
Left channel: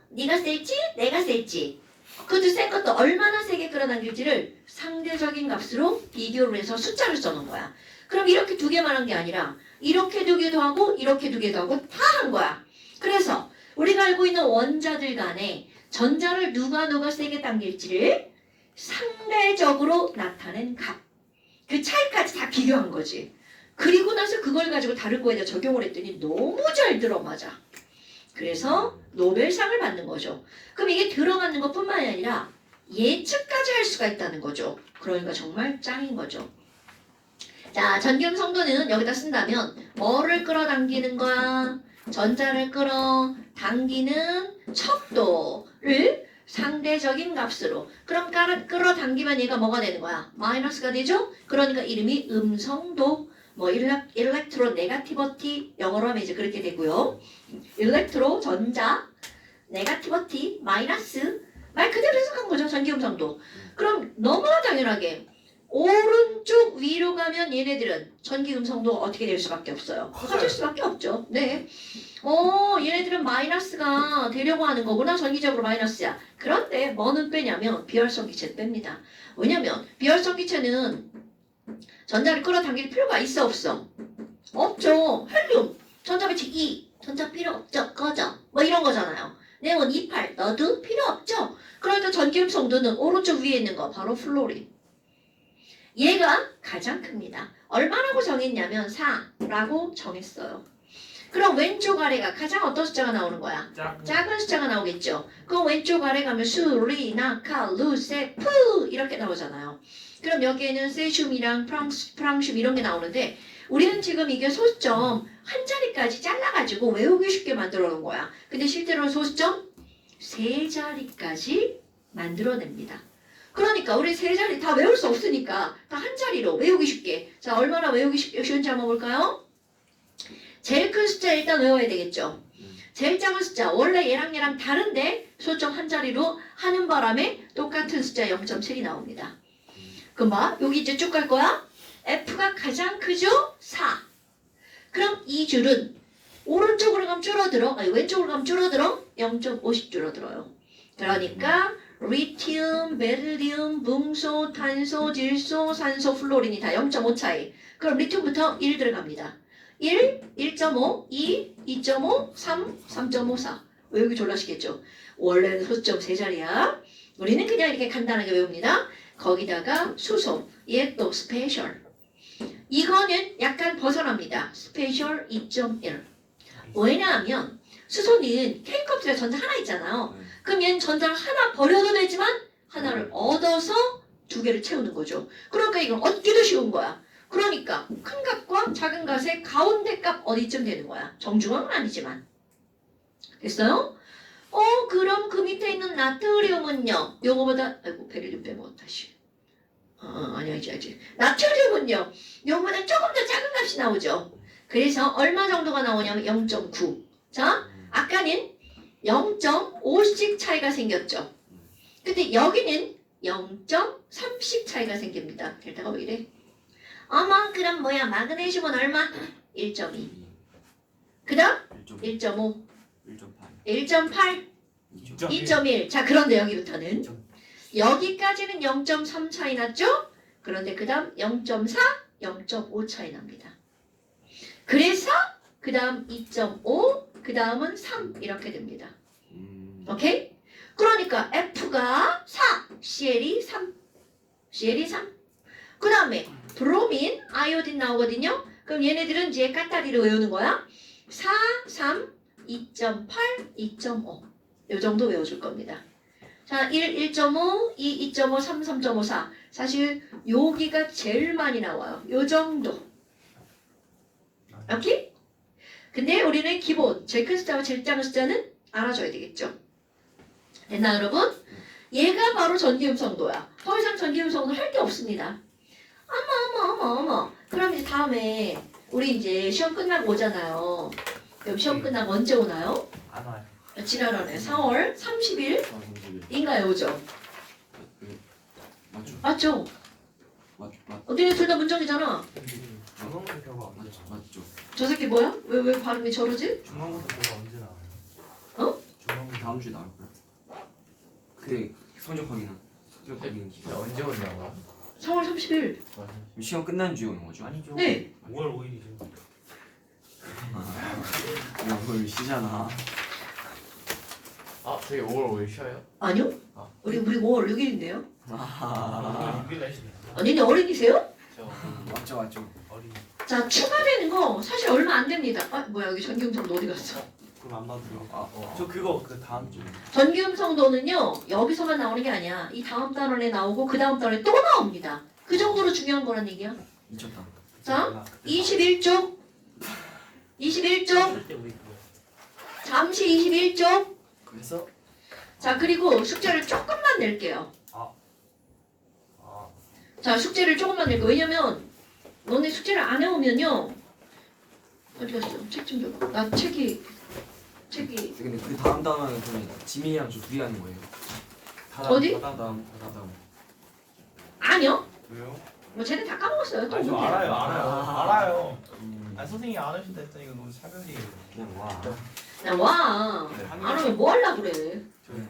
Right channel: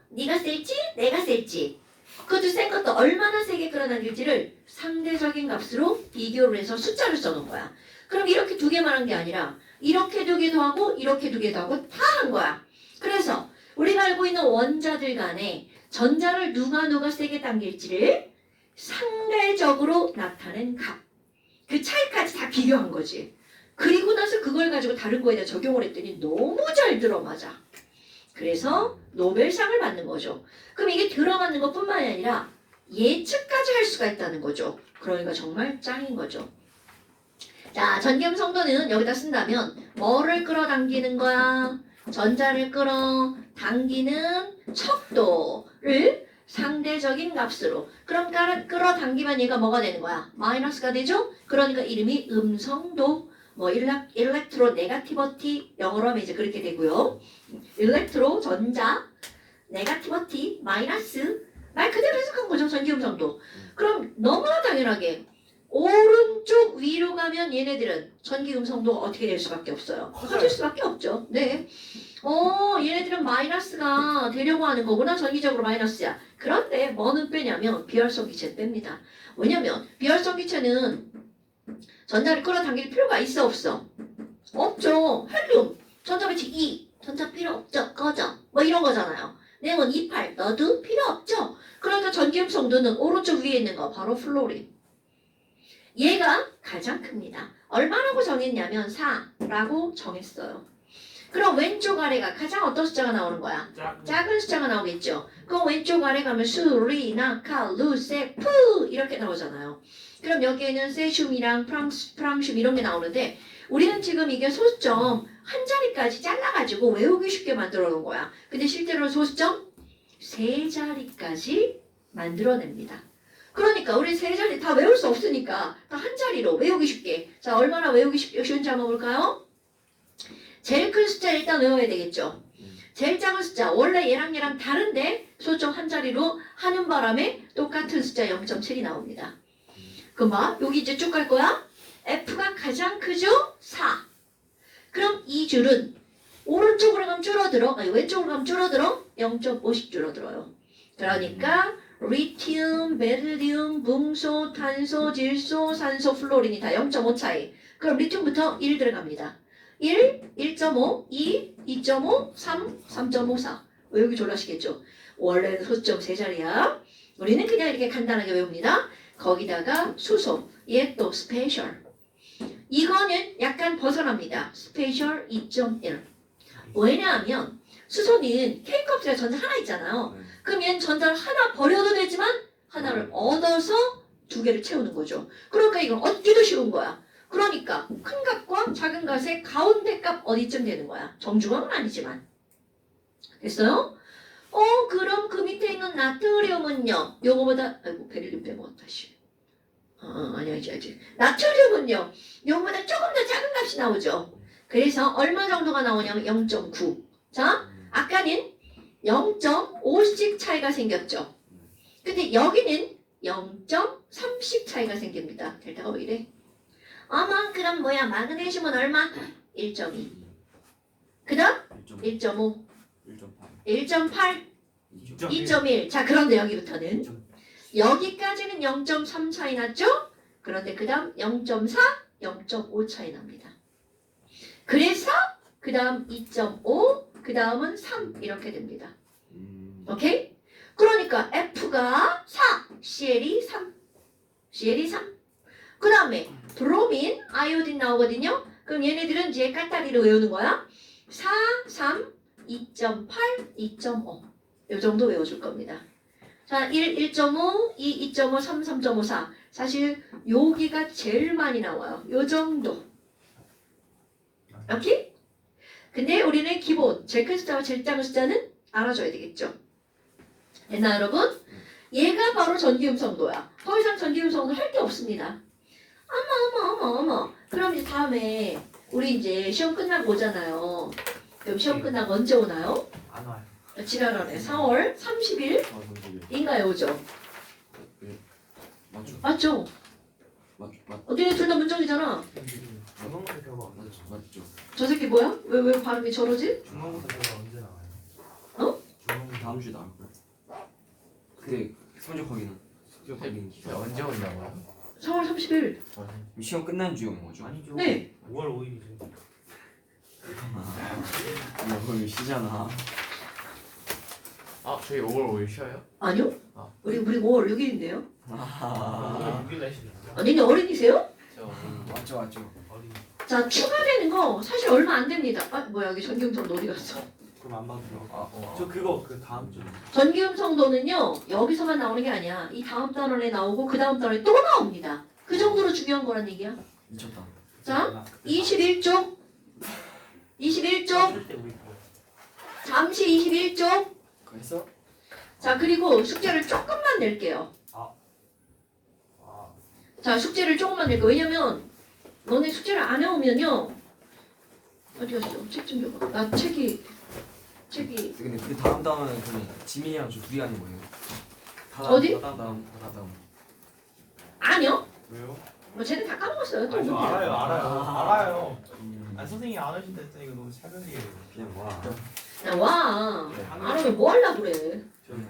네가 셀지? 내가 셀지? 그것도 센 것도 얼마나 세게 끌어당길지를 상대적인 값으로 비교를 해서 숫자를 써놓은 거야. 그럼 이렇게 두 개만 한 게 아니라 이렇게 두 개도 하고 이렇게 두 개도 하고 다 한 거야. 그래서 우리가 알고 있는 원자들 간에 전자를 누가 세게 당길지를 상대적으로 나타낸 값. 그 차이까지 다 비교한 거지. 그리고 나서 그걸 가지고 다른 거에다 적용을 했더니 너무 잘 들어맞아. 그래서 노벨상을 받는 거죠. 그럼 이게 들어맞는 것뿐만이 아니라 예측까지 할 수가 있다는 거죠. 그러니까 정말 짱인 거죠. 자, 전기 음성도는 여기다 쓴다면 뭐를 끌어당기는 거야? 전자를 끌어당기는 척도를 상대적인 값으로. 그럼 끌어당기면 얘가 뭐가 되는 거야? 마이너스가 되죠? 그러니까 이름이 음성도. 뭐 일렉트로 네가티버티 영어로 하면 이제 그렇게 되고요. 일렉트로 전자 네가티버티 마이너스 말 그대로 해석한 거죠. 전기 음성도. 그럼 너무나 당연하게 오른쪽 위로 가면 얘네들은 전기 음성도가 어떻게 될 수밖에 없어요. 커질 수밖에 없죠. 네. 얘네들은 마이너스가 되려고 하는 거구나. 전기적으로 마이너스야. 그런데 뭐는 빼냐면 비활성 기체는 뺍니다. 왜냐면 비활성 기체는 전자를 끌어당길 필요가 있어 없어? 없죠. 헬륨 전자배치 2 전자 필요 없죠. 꺼져. 뭐 이런 거잖아요. 네온 28 너도 필요 없죠. 그러니까 전기 음성도는 오른쪽 위에 있는 거 바로 플로린. 얘가 가장 큽니다. 얼마라고 정했냐면 4라고 정했어요. 그럼 왼쪽 아래가 가장 어떤 숫자가 나오는 거야? 작은 숫자가 나오겠죠. 그럼 왼쪽 아래 가면 수, 리, 나, 카, 루, 세, 푸 이렇게 나오잖아요. 그럼 여기에는 세슘이랑 프랑슘 이런 게 나오는데 우리는 지금 이게 소수점 한 자리까지 잘라가지고 외우기 쉽게 만들어 놓은 거야. 근데 실제로는 소수점 세 자리까지 만들어냅니다. 그러니까 우리 세 자리 다 외울 수 없으니까 다 한 자리로 외우기 쉽게. 자, 얼마나 외우기 쉬운지 한번 볼까요? 제일 큰 숫자 일단 외워야 되겠죠. 제일 작은 숫자 원래 얘랑 다른데 소수점 한 자리로 하는 바람에 똑같은 숫자 0.7이 나옵니다. 그럼 봐 여기 이제 쭉 갈 거야. F가 가장 크죠? 4. 그럼 이 줄은 오른쪽으로 가면 줄어들어. 아니 왼쪽으로 가면 줄어들어. 0.5씩 줄어들어요. 그러니까 리튬, 베릴륨, 뭉소, 탄소, 질소, 산소, 플로린이 다 0.5 차이. 그럼 리튬부터 1 들어갑니다. 1, 1.5, 2, 2.5, 3, 3.54. 외우기 졸라시겠죠? 원래는 소수점 세 자리야. 우리는 그냥 이렇게 간단하게 외웁니다. 거기다가 수소, 얘 또 스페셜. 이거는 약간 벗어납니다. 스페셜 2.1. 왜냐하면 수소는 K컵에 전자 하나 있잖아요. 그럼 얘는 전자를 하나 버려도 되지만 하나를 얻어서 두 개를 채우는 거죠. 그러니까 이건 얻기도 쉬운 거야. 그러니까 큰 값과 작은 값의 가운데 값 어디쯤 되는 거야? 정중앙은 아니지만. 됐어요? 그럼 그 밑에 있는 나트륨은요? 요거보다 아이고 베릴륨 빼먹었다 씨. 아니야지. 나트륨은요? 요거보다 조금 더 작은 값이 나오죠. 그래서 얼마 정도가 나오냐면 0.9. 자, 아까는 0.5씩 차이가 생겼죠. 근데 여기는 0.3씩 차이가 생깁니다. 델타가 왜 이래? 어머 그럼 뭐야 마그네슘은 얼마? 1.2. 그 다음 1.5 1.8 2.1. 자 그런데 여기부터는 여기까지는 0.3 차이 났죠? 그런데 그 다음 0.4 0.5 차이 납니다. 그래서 그 다음 2.5, 그 다음은 3 이렇게 됩니다. 오케이? 그러니까 F가 4, CL이 3. CL이 3. 그 다음에 브로민, 아이오딘 나오거든요. 그럼 얘네들은 이제 깐따리로 외우는 거야. 4, 3, 2.8, 2.5. 이 정도 외워줄 겁니다. 자, 1, 1.5, 2, 2.5, 3, 3.5, 4. 사실 여기가 제일 많이 나와요. 요 정도. 오케이? 근데 우리는 기본 제일 큰 숫자와 제일 작은 숫자는 알아줘야 되겠죠. 됐나 여러분? 얘가 바로 전기음성도야. 더 이상 전기음성도 할 게 없습니다. 어머. 그럼 이제 다음에 우리 이제 시험 끝나고 오잖아요. 그럼 시험 끝나고 언제 오나요? 안 와요. 지난번에 4월 30일인가요? 오죠? 맞죠? 맞죠? 맞 어떻게 둘 다 문정이잖아. 중간고사 결과 언제 나와요? 맞죠? 저 새끼 뭐야? 왜 발음이 저러지? 중간고사 결과 언제 나와요? 어? 중간고사 다음 주에 나올 거야. 그때 성적 확인은 진짜 언제 온다고? 4월 30일. 시험 끝난 주에 오는 거죠? 아니죠. 네. 5월 5일이죠. 야, 그거 시잖아. 아 저희 5월 5일 쉬어요? 아니요? 우리 5월 6일인데요? 아, 6일 날씨네요. 아니네 어린이세요? 저 맞죠. 어린. 자 추가되는 거 사실 얼마 안 됩니다. 아 뭐야 여기 전기음성도 어디 갔어? 그럼 안 봐도 돼요. 저 저 그거 그 다음 주에. 전기음성도는요 여기서만 나오는 게 아니야. 이 다음 단원에 나오고 그 다음 단원에 또 나옵니다. 그 정도로 중요한 거란 얘기야. 미쳤다. 자 21쪽 21쪽 절대 우리 그거. 잠시 21쪽 그래서 자 그리고 숙제를 조금만 낼게요. 아, 자 숙제를 조금만 낼거 왜냐면 너네 숙제를 안 해오면요 어디 갔어? 책 좀 줘봐. 나 책이 근데 그 다음 단어는 그러면 지민이랑 저 둘이 하는 거예요. 어디? 다음. 아니요. 왜요? 뭐 쟤네 다 까먹었어요. 또 아니, 저 뭔데? 알아요. 아 선생님이 안 하신다 했더니 너무 차별이에요. 그냥 와. 야 와. 네. 안 하면 뭐 하려고 그래.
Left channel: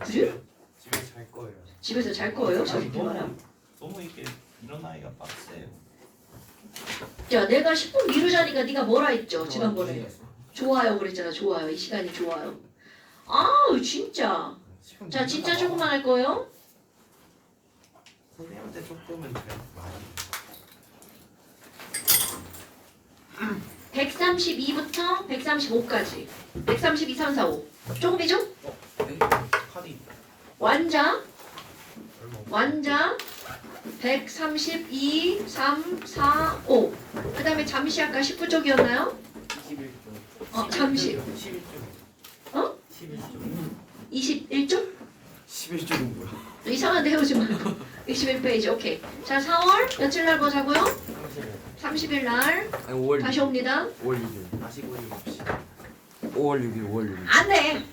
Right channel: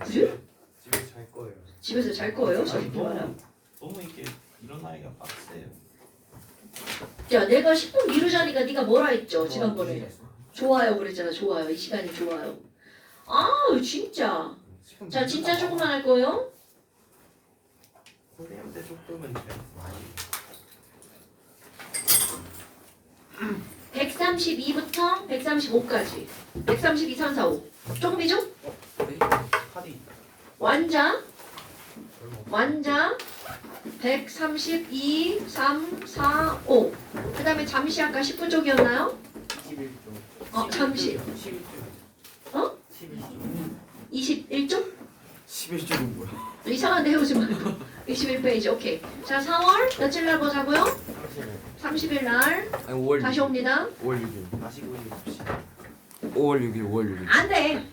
저희 그래? 집에서 잘 거예요. 집에서 잘 거예요. 저기 아니, 들어와요. 너무 이렇게 일어나기가 빡세요. 자 내가 10분 미루자니까 네가 뭐라 했죠 지난번에. 좋아요 그랬잖아. 좋아요. 이 시간이 좋아요. 아우 진짜. 자 진짜 조금만 할 거예요. 선생님한테 조금은 돼. 132부터 135까지. 132, 3, 4, 5. 조금이죠? 카드 완자. 얼마 없어. 완자 132, 3, 4, 5. 그 다음에 잠시 아까 19쪽이었나요? 21조 잠시. 11조. 어? 11조. 21쪽? 11조는 뭐야? 이상한데 해오지 말고. 21페이지, 오케이. 자, 4월 며칠 날 보자고요? 30일 날. 아니 5월 다시 옵니다. 5월 6일. 다시 고민해 봅시다. 5월 6일. 안 돼.